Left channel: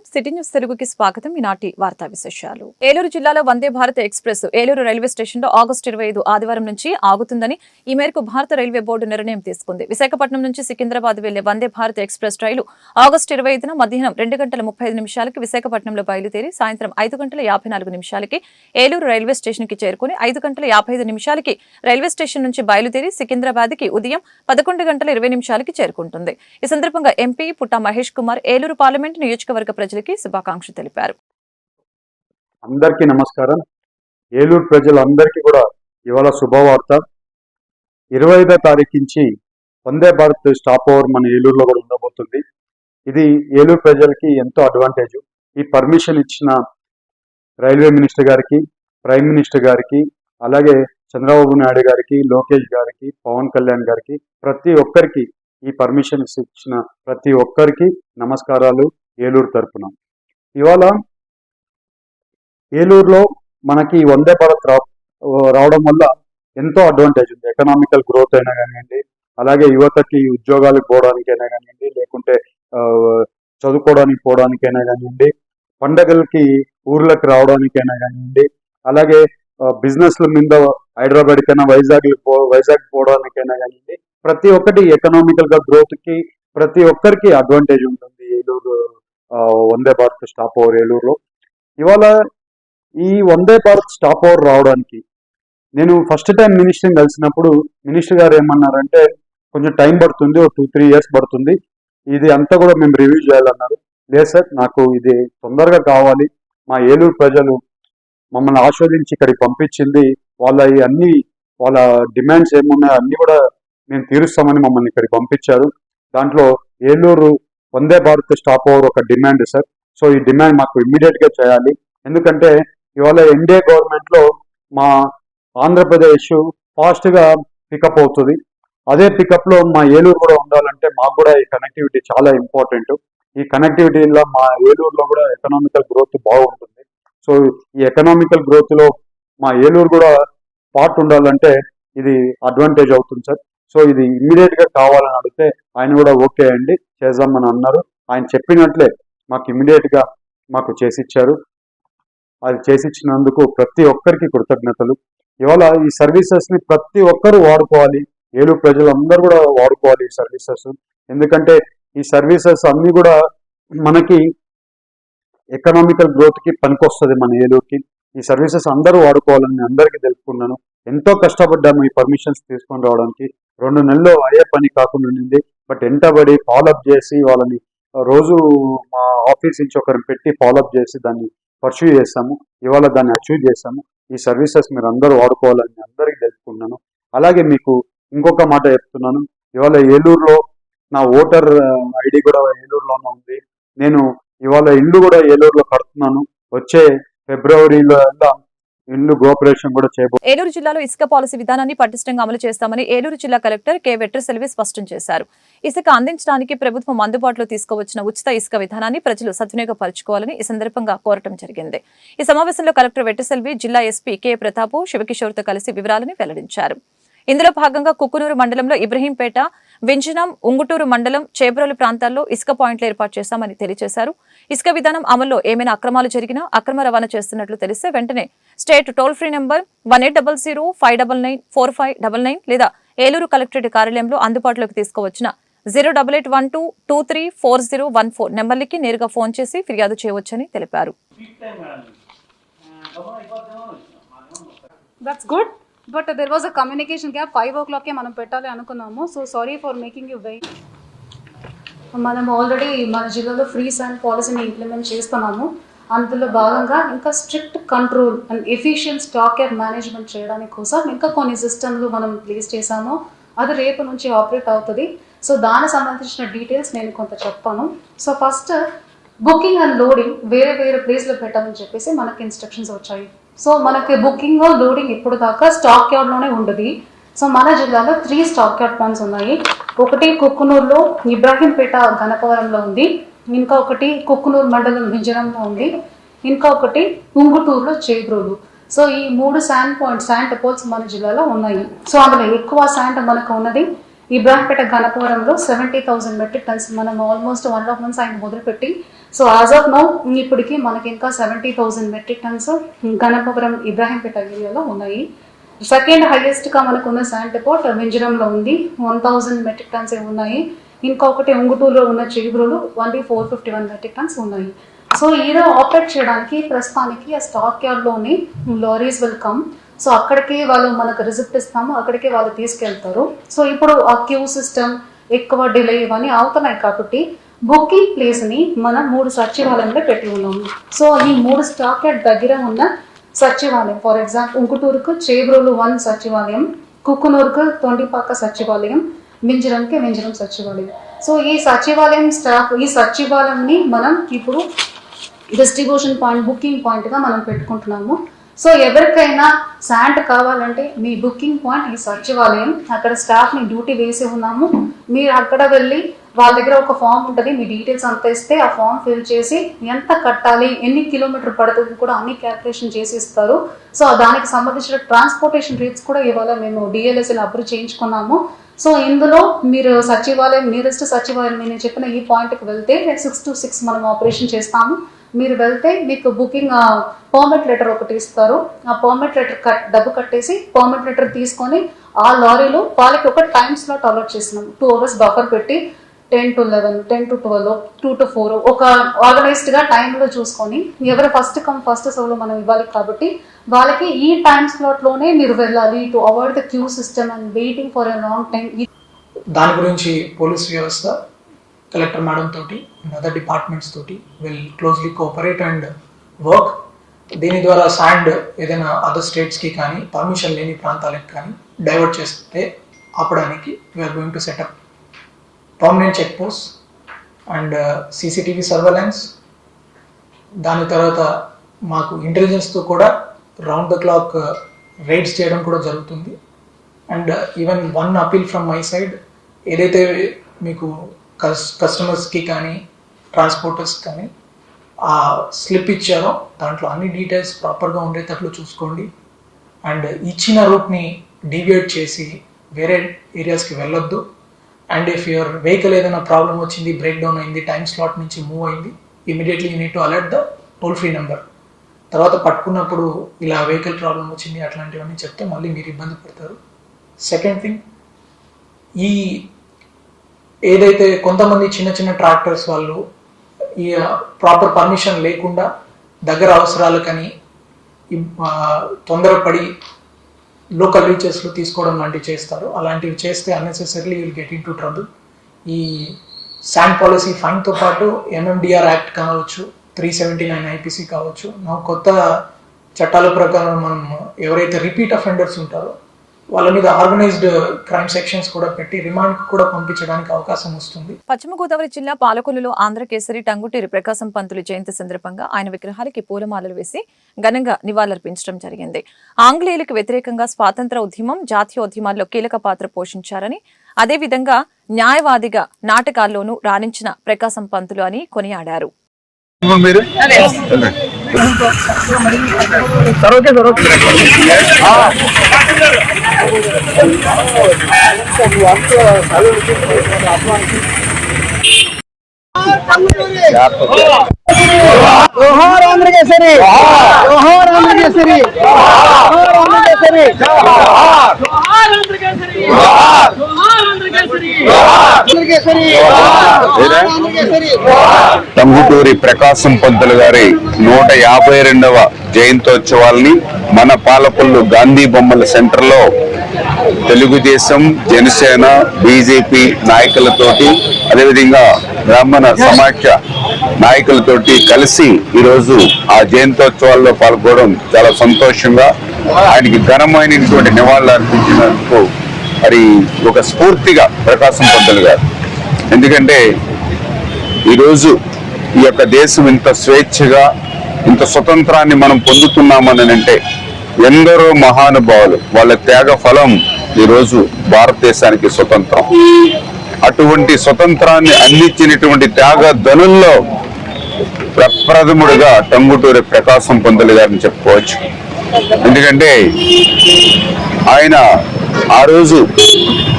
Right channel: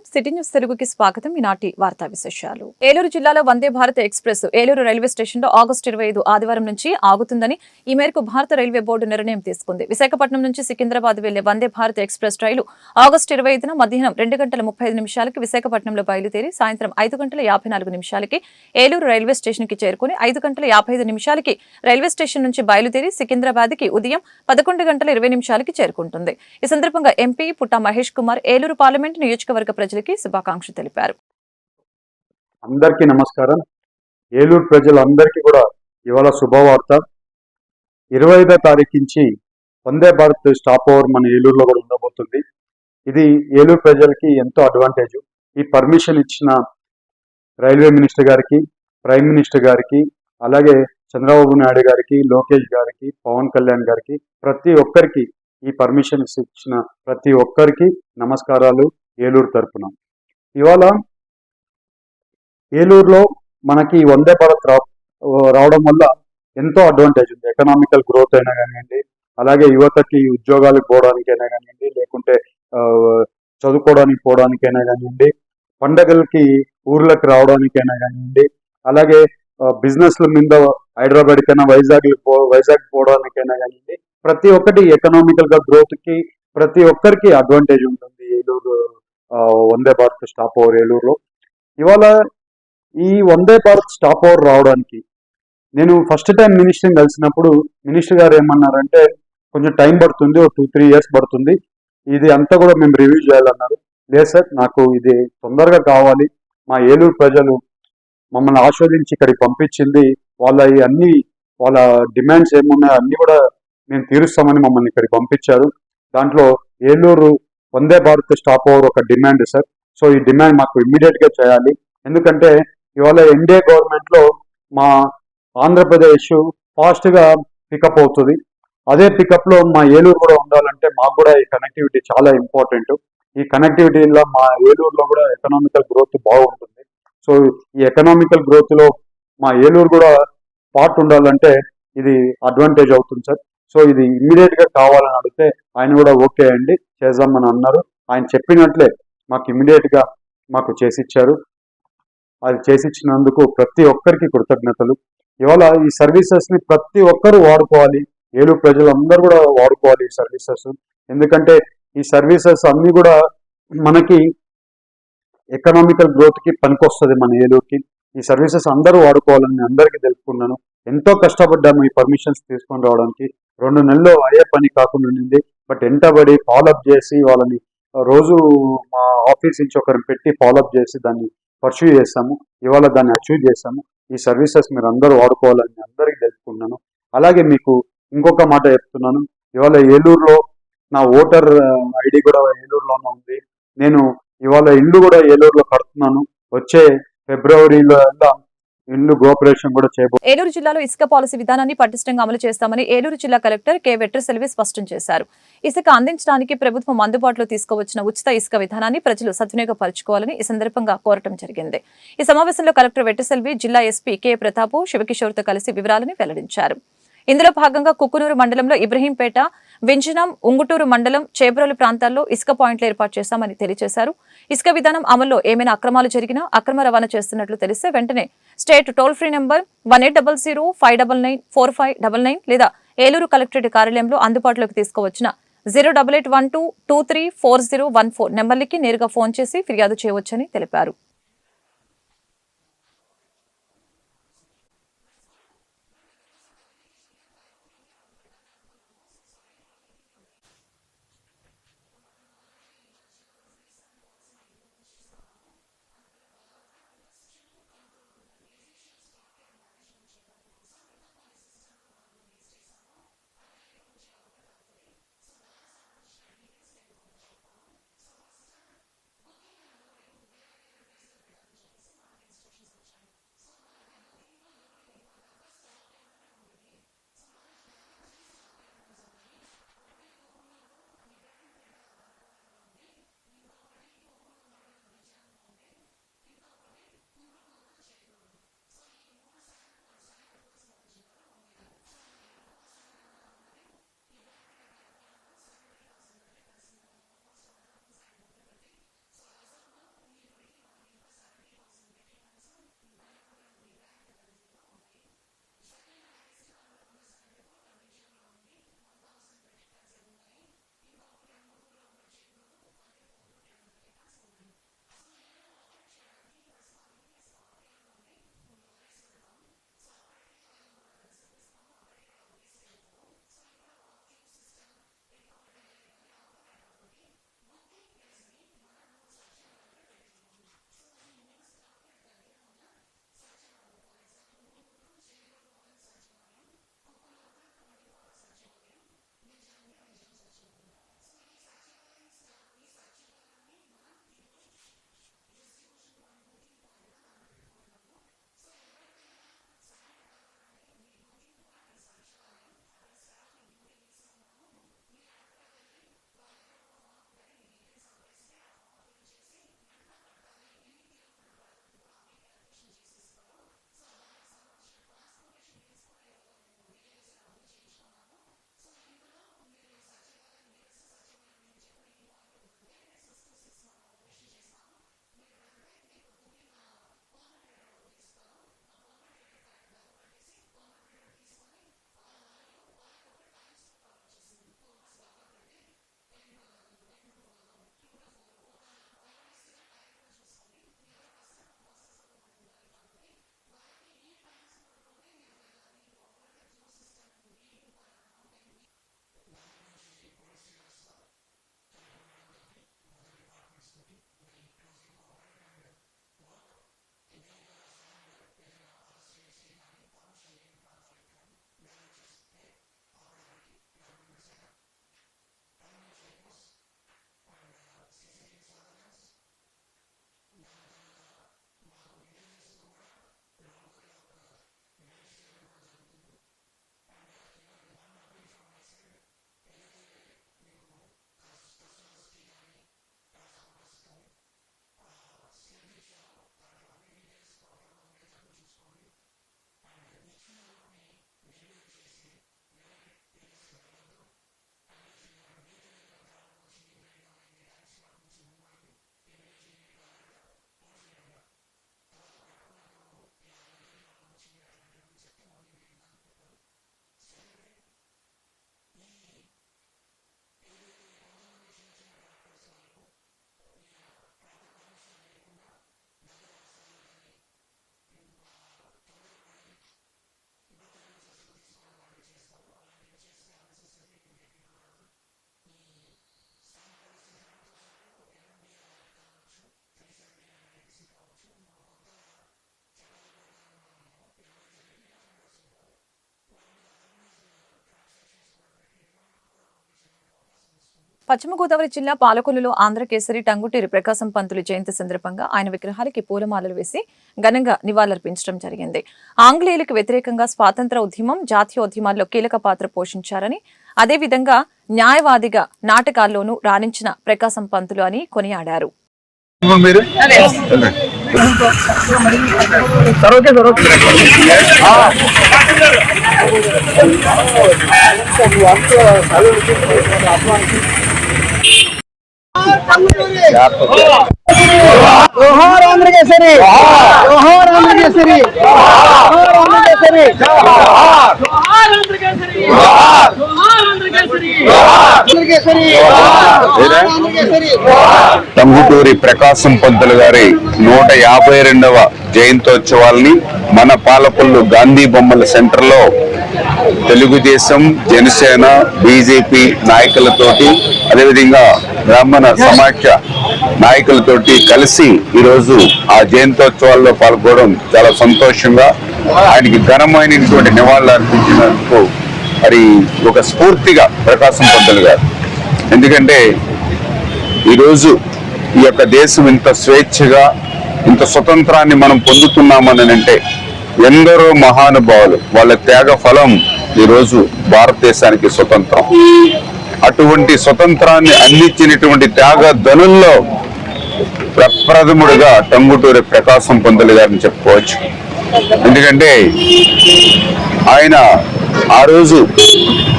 City news తెలుగుకి స్వాగతం. ఈనాటి వార్తా విశేషాలు. ఏలూరు జిల్లాలో Vande Bharat express Eluru railway station లో ఆగస్టు 25 ఆదివారం నుంచి ఆగుతుందని ఈ మేరకు భారత రైల్వే బోర్డు నిర్ణయం తీసుకుంది. విశాఖపట్నం నుంచి సికింద్రాబాద్ వెళ్లే వందే భారత్ ఎక్స్ప్రెస్ రైలు ఆగస్టు 25న మధ్యాహ్నం 2:35 విశాఖపట్నంలో బయలుదేరి సాయంత్రం 5:54 ఏలూరు రైల్వే స్టేషన్ కి చేరుకుని 5:55 రైల్వే స్టేషన్ నుంచి బయలుదేరి సికింద్రాబాద్ కి ఉదయం 11:20 చేరుకుంటుంది. ఈ సందర్భంగా ఎంపీ పుట్టా మహేష్ కుమార్ ఏలూరు పార్లమెంట్ నియోజకవర్గ ప్రజలకి శుభాకాంక్షలు తెలిపారు. అందరికీ నమస్కారం. ఏలూరు ప్రజలందరికీ కూడా ఇవాళ శుభవార్త. 25వ తారీఖు నుంచి వందే భారత్ స్టాప్ ఓవర్ మన ఏలూరులో కూడా ఉండబోతుంది. ఇది ఏలూరు ప్రజలకి ఎంతో అడ్వాంటేజ్. ఈ పర్మిషన్ ఇచ్చిన రైల్వే మినిస్టర్ గారికి, ప్రైమ్ మినిస్టర్ గారికి, అలాగే చంద్రబాబు నాయుడు గారికి, లోకేష్ గారికి, పవన్ కళ్యాణ్ గారికి, ప్రతి ఒక్కరికి ఈ పర్మిషన్ ఇచ్చిన ప్రతి ఒక్కరికి నమస్కారాలు ఏలూరు తరఫున. ఇవాళ ఏలూరులో మనకి వందే భారత్ రావడం వల్ల ఎంతో అడ్వాంటేజ్ ఉంది. ఎకనామికల్ గ్రోత్ అయినా కానివ్వండి, అలాగే యువతకి ఉద్యోగాలకు పోవడానికైనా కానివ్వండి, లేకుంటే చదువుకోవడానికి పోవడానికైనా కానివ్వండి, పండగలకి ఊర్లకు రావడానికైనా కానివ్వండి, అలాగే బిజినెస్ల మీద హైదరాబాద్ కైనా వైజాగ్ పోవడానికైనా కానివ్వండి, ప్రతి ఒక్కటి ఎకనామికల్ గా గ్రోత్ కి ప్రతి ఒక్కరికి అడ్వాంటేజ్ ఉంటుంది ఏలూరు వందే భారత్ స్టాప్ ఓవర్ ఏలూరులో. ఇవాళ ఈ వందే భారత్ స్టాప్ ఓవర్ రావడానికి నేను ఫస్ట్ టైం మినిస్టర్ని కలిసినప్పుడు మినిస్టర్ గారు ఏమన్నారంటే కొంచెం టైం పడుతుంది, 2-3 years పడుతుంది, ఇది అంతా కూడా మేము రివ్యూ చేయాలన్నారు. లేదు సార్, నాకు ఇది తొందరగా కావాలి, మా ఏలూరు ప్రజలు మమ్మల్ని ఆస్వాదించి ఇక్కడికి పంపించింది, వాళ్ళ డిమాండ్స్ ఏమున్నాయో అన్ని కూడా మేము తీరుస్తామని మమ్మల్ని ఇక్కడికి పంపించారు. దాంట్లో ఏలూరు వందే భారత్ స్టాప్ ఓవర్ ఒక డిమాండ్ సార్. సో ఈ డిమాండ్ మాకు ఇమ్మీడియట్ గా చేయాలి. ఎందుకంటే ఇవాళ ఎన్డీఏ గవర్నమెంట్ లో మా ఆంధ్రప్రదేశ్ ఫాస్ట్ గా పికప్ అవుతుంది. అదే పికప్ లో మా ఏలూరు కూడా ఉండాలంటే మాకు కూడా ఈ కనెక్టివిటీ చాలా ఇంపార్టెంట్. ఈ కనెక్టివిటీలో మా ఏలూరులో కూడా ఎకనామికల్ గ్రోత్ బాగుంటుంది. సో ఈ ఎకనామికల్ గ్రోత్ లో మా ఏలూరు కూడా పార్ట్ ఉండాలంటే ఇది అడ్వాంటేజ్ అవుతుంది సార్. సో ఇది ఇమ్మీడియట్ గా కావాలని అడిగితే ఆయన కూడా ఓకే అండి చేద్దామని అన్నారు. ఆయన చెప్పినట్లే మాకు ఇమ్మీడియట్ గా మాకు చేసిచ్చారు. అది చేసిచ్చినందుకు ప్రతి ఒక్కరికి కృతజ్ఞతలు. ఇవాళ ఈ సర్వీసెస్ ని ప్రతి ఒక్కరు వాడుకోవాలి, ఏలూరు ప్రజలందరూ కూడా వాడుకోవాలి ఈ సర్వీసెస్. ఎందుకంటే ఈ సర్వీసెస్ అన్ని కూడా మనకి ఎకనామికల్ గ్రోత్ కి పనికొస్తుంది మన ఏలూరుకి. ఈ సర్వీసెస్ అందరూ వాడుకోవాలని అందరికీ తెలుపుకున్నాను. ఎంతో కష్టపడ్డాము ఈ పర్మిషన్స్ తీసుకొని రావడానికి. 2 నెలల్లో అయ్యే పని కాకుండా ఉండింది. బట్ ఎంటబడి ఫాలోఅప్ చేసి వాళ్ళని రోజు మా ఆఫీస్ నుంచి ఒకరిని పెట్టి ఫాలోఅప్ చేసి దాన్ని పర్సూ చేస్తాము. ఇవాళ దాన్ని అచీవ్ చేస్తాము. ఈ సర్వీసెస్ మీరు అందరూ వాడుకోవాలని అందరికీ తెలుపుకున్నాను. అలాగే మీకు ఇంకొక మాట చెప్తున్నాను. ఇవాళ ఏలూరులో నా ఓటర్ ఐడి కూడా ఏలూరులోనే ఉంది. నేను ఇవాళ ఇల్లు కూడా ఏలూరులో కడుతున్నాను. వచ్చే ఫిబ్రవరిలో ఇల్లు గృహప్రవేశం కూడా చేయబోతున్నారు. ఏలూరు జిల్లాలో ఇసుక పాలసీ విధానాన్ని పటిష్టంగా అమలు చేస్తామని ఏలూరు జిల్లా కలెక్టర్ కె వెట్రిసెల్వి స్పష్టం చేశారు. ఇసుక అందించడానికి ప్రభుత్వం అందుబాటులో తీసుకువచ్చిన ఉచిత ఇసుక విధానాన్ని ప్రజలు సద్వినియోగపరచుకోవాలని ఈ సందర్భంగా కోరటం జరిగింది. ఈ సమావేశంలో కలెక్టర్ వెట్రిసెల్వి జిల్లా ఎస్పీ కె ప్రతాప్ శివకిషోర్తో కలిసి వివరాలను వెల్లడించారు. ఇందులో భాగంగా కుక్కునూరు మండలంలో ఇబ్రహీంపేట, వింజనం, ఉంగుటూరు మండలం, చేబ్రోలు ప్రాంతాల్లో ఇసుక పాయింట్లు ఏర్పాటు చేశామని తెలియజేశారు. ఇసుక విధానం అమల్లో ఏమైనా అక్రమాలు జరిగినా అక్రమ రవాణా చేస్తున్నట్లు తెలిస్తే వెంటనే స్టేట్ టోల్ ఫ్రీ నంబర్ 1800-599-4599 లేదా ఏలూరు కలెక్టరేట్ కార్యాలయంలో అందుబాటులోకి తీసుకువచ్చిన 08812234014 నెంబర్లకి నేరుగా ఫోన్ చేసి ఫిర్యాదు చేయవచ్చని తెలిపారు. That's good. But there was a communication gap. 5 o'clock మనం పెట్టాలి అనుకున్నాము. So sorry for making you wait. మనం ఆల్రెడీ మన జిల్లాలో ఫ్రీ శాండ్ పాలసీని ఇంప్లిమెంట్ చేస్తున్నాము. అందులో భాగంగా ఇంకా strict control and efficient stock yard management చేయడానికి కోసం ఇంకా కొన్ని సిస్టమ్లు మనం ప్లేస్ చేసాము. అది రేపు నుంచి ఆపరేట్ అవుతుంది. సో దానికి సంబంధించిన డీటెయిల్స్ నేను కొంత చెప్తాను. So first booking and loading వేరే వేరే ప్లేస్లో పెట్టాలని చెప్పేసి మనకి ఇన్స్ట్రక్షన్స్ వచ్చాయి. సో మనకి బుకింగ్ లోడింగ్ ఇప్పుడు దాకా స్టాక్ యార్డ్లోనే ఉండదు. సో మన జిల్లాలో 3 స్టాక్ యార్డ్ పాయింట్స్ ఉన్నాయి. ఒకటి కుక్కునూరులో, ఇబ్రాహీంపేట గణపవరంలో ఉంది, ఇంకా ఒకటి కుక్కునూరు మండలం వింజనంలో ఉంది, ఇంకా ఒకటి ఉంగుటూరులో చేబ్రోలు. సో ఈ 3 శాండ్ పాయింట్స్, శాండ్ డిపోట్స్ మన జిల్లాలో ఉన్నాయి. సో అందులో ఎక్కువ శాండ్ మనకు ఉన్నది ఇబ్రాహింపేట గణపవరంలో 70,000 మెట్రిక్ టన్స్ మనం ఆల్మోస్ట్ 1.5 months ఆయన మొదలుపెట్టి సో యాజ్ ఆఫ్ నౌ ఇప్పటికి మనకి ఇంకా 70,000 మెట్రిక్ టన్స్ గణపవరం ఇబ్రాహింపేట ఏరియాలో ఉన్నాయి. సెకండ్ హైయెస్ట్గా మనకున్న శాండ్ డిపోట్ వింజరంలో ఉంది, 1,000 మెట్రిక్ టన్స్ ఉన్నాయి. ఇంకొకటి ఉంగుటూరులో ఉన్న చేబ్రోలు 451 మెట్రిక్ టన్స్ ఉన్నాయి. సో ఈరోజు ఆపరేట్ చేయడానికి ప్రస్తుతానికి ఆ stock యార్డ్లోని lorries will come. So అక్కడికి వాళ్ళు మనకు రిసిప్ట్ ఇస్తాము, అక్కడికి వాళ్ళు తీసుకెళ్తారు. సో ఇప్పుడు ఆ క్యూ సిస్టమ్ ఎక్కువ డిలే ఇవన్నీ అవుతున్నాయి కాబట్టి బుకింగ్ ప్లేస్ని మనం 3 సచివాలయంలో పెట్టి ఉన్నాము. సో ఈ 3 స్టాక్ యార్డ్ దగ్గర ఉన్న సచివాలయం, ఫర్ ఎగ్జాంపుల్ ఉంగుటూరుకు చేబ్రోలు 1 సచివాలయం, కుక్కునూరుకు తొండిపాక సచివాలయం, వింజరంకి వింజరం సచివాలయం. సో ఈ సచివాలయం స్టాఫ్ ఈ సచివాలయంని మనం ఇప్పుడు డిస్ట్రిబ్యూషన్ పాయింట్ బుకింగ్ పాయింట్గా మనం పెట్టుకుంటున్నాము. సో ఎవరికైనా శాండ్ కావాలంటే మీ బుకింగ్ పాయింట్ ఈ సచివాలయం, అక్కడ స్టాఫ్ని డ్యూటీ వేసి ఉన్నాము. మీరు అక్కడ వెళ్ళి వాళ్ళ దగ్గర ఒక ఫామ్ ఉంటుంది, మీ డీటెయిల్స్ అంతా ఇస్తే ఆ ఫామ్ ఫిల్ చేసి ఎంత కట్టాలి, ఎన్ని కిలోమీటర్ పడుతుంది కూడా అన్ని క్యాల్కులేషన్ చేసి ఇస్తారు. సో దానికి సంబంధించిన ట్రాన్స్పోర్టేషన్ రేట్స్ కూడా ఇవాళ మేము డిఎల్ఎస్ఎల్ అప్రూవ్ చేయించుకున్నాము. సో ఇందులో మీరు సచివాలయం నియరెస్ట్ సచివాలయం నేను చెప్పిన ఈ పాయింట్కి వెళ్తే 6 to 6 మనం ఆపరేషన్ చేస్తాము. మీరు వెళ్తే మీకు బుకింగ్ పర్మిట్ లెటర్ ఒకటి ఇస్తారు. ఆ పర్మిట్ లెటర్ డబ్బు కట్టేసి పర్మిట్ లెటర్ తీసుకొని ఆ లారీలో వాళ్ళకి ఒక టైం స్లాట్ అలాట్ చేసినాం. 2 hours బఫర్ పెట్టి 10 to 11, 10 to 12, 2 to 4 ఒక ఆర్గనైజ్డ్గా టైంలో చూసుకొని ఎవరు ఫస్ట్ కమ్ ఫస్ట్ సర్వ్లో మనం ఇవ్వాలి కాబట్టి వాళ్ళకి ఈ టైం స్లాట్లోనే మీరు వెళ్ళాలి to avoid the queue system and waiting for a long time. దాని గురించి పోలీస్ వ్యవస్థ కలెక్టర్ మేడం తోటి అండ్ అదర్ డిపార్ట్మెంట్స్ తోటి will closely cooperate and work. దీని ద్వారా శాండ్ ఏదైనా అదర్ స్టేట్స్కి కానీ పర్మిషన్ లేని ప్రాంతాలకు కానీ డైవర్ట్ చేస్తే ఆపడానికి we are going to set up permanent check post and CCTV surveillance. దాని తర్వాత మాకు ఇంటెలిజెన్స్తో కూడా రౌండ్ ద క్లాక్ రైడ్స్ చేయడం కూడా జరుగుతుంది. And even one appeal from my side, ఏదైతే మీకు కస్టమర్స్కి కానీ ట్రాన్స్పోర్టర్స్ కానీ ఆ స్లిప్ ఇచ్చారో దాంట్లో అన్ని డీటెయిల్స్ ప్రాపర్గా ఉండేటట్లు చూసుకోండి. అండ్ ఇచ్చిన రూట్ని డీవియేట్ చేసి వేరే ఏరియాస్కి వెళ్ళొద్దు. అండ్ ఇఫ్ యువర్ వెహికల్ ఏదైనా ప్రాబ్లం వచ్చింది, బ్రేక్ డౌన్ అయింది, టైం స్లాట్ నుంచి మూవ్ అయింది, immediately you need to alert the toll free number. తర్వాత పట్టుకున్నప్పుడు ఇలా వెహికల్ ప్రాబ్లం వచ్చింది అట్లాంటివన్నీ చెప్తే మళ్ళీ మీరు ఇబ్బంది పడతారు. సెకండ్ థింగ్, ఈ ఏదైతే కొంతమంది చిన్న చిన్న ట్రాక్టర్స్ వాళ్ళు ఈ ప్రాపర్ పర్మిషన్ లేకుండా దగ్గర అవసరాలకని తొందరపడి లోకల్ రీచెస్లో తీసుకోవడం లాంటివి చేస్తారు. అలాంటివి చేస్తే unnecessarily will get in to trouble. ఈ శాండ్ పాలసీ ఫైన్తో పాటు MMDR యాక్ట్ కావచ్చు, 379 IPC కావచ్చు, కొత్త చట్టాల ప్రకారం మనం ఎవరైతే రిపీట్ అఫెండర్స్ ఉంటారో వాళ్ళ మీద ఆర్గనైజ్డ్ క్రైమ్ సెక్షన్స్ కూడా పెట్టి రిమాండ్ కూడా పంపించడానికి అవకాశం వస్తుంది. పశ్చిమ గోదావరి జిల్లా పాలకొల్లులో ఆంధ్రకేసరి టంగుటూరి ప్రకాశం పంతులు జయంతి సందర్భంగా ఆయన విగ్రహాలకి పూలమాలలు వేసి ఘనంగా నివాళులర్పించడం జరిగింది. ఆంగ్లేయులకు వ్యతిరేకంగా స్వాతంత్ర ఉద్యమం, జాతీయోద్యమాల్లో కీలక పాత్ర పోషించారని, అదేవిధంగా న్యాయవాదిగా నాటకాల్లోనూ రాణించిన ప్రకాశం పంతులు అని కొనియాడారు. జోహార్ ఆంధ్రకేసరి, జోహార్ ఆంధ్రకేసరి, జోహార్ ఆంధ్రకేసరి, జోహార్ ఆంధ్రకేసరి, జోహార్ ఆంధ్రకేసరి, జోహార్ ఆంధ్రకేసరి. టంగుటూరి ప్రకాశం పంతులు గారి 152వ జయంతోత్సవాల్ని మన పాలకొల్లు గాంధీ బొమ్మల సెంటర్లో తెలుగుదేశం, జనసేన, బీజేపీ నాయకులతోటి, అదేవిధంగా బ్రాహ్మణ సమాఖ్య నాయకులతోటి కలిసి ఈరోజు ఆ జయంతోత్సవాల్లో పాల్గొనడం చాలా సంతోషంగా, ఆయనకి ఘనమైనటువంటి నివాళులు అర్పించినందుకు మరి ఒక స్ఫూర్తిగా ప్రకాశం పంతులు గారు. ఎందుకంటే ఈరోజు ఈ యొక్క దేశం ఇంత స్వేచ్ఛగా, ఇంత స్వతంత్రాన్ని మనం పొందుతున్నామని అంటే ఎందరో మహానుభావులు వాళ్ళ త్యాగ ఫలం ఈరోజు భారతదేశానికి స్వతంత్రం. అటువంటి స్వతంత్రాన్ని అందించినటువంటి త్యాగ ధనుల్లో ప్రప్రథముడుగా టంగుటూరి ప్రకాశం పంతులు గారిని చెప్పుకోవచ్చు. ఎందుకంటే ఆయన ఆ రోజు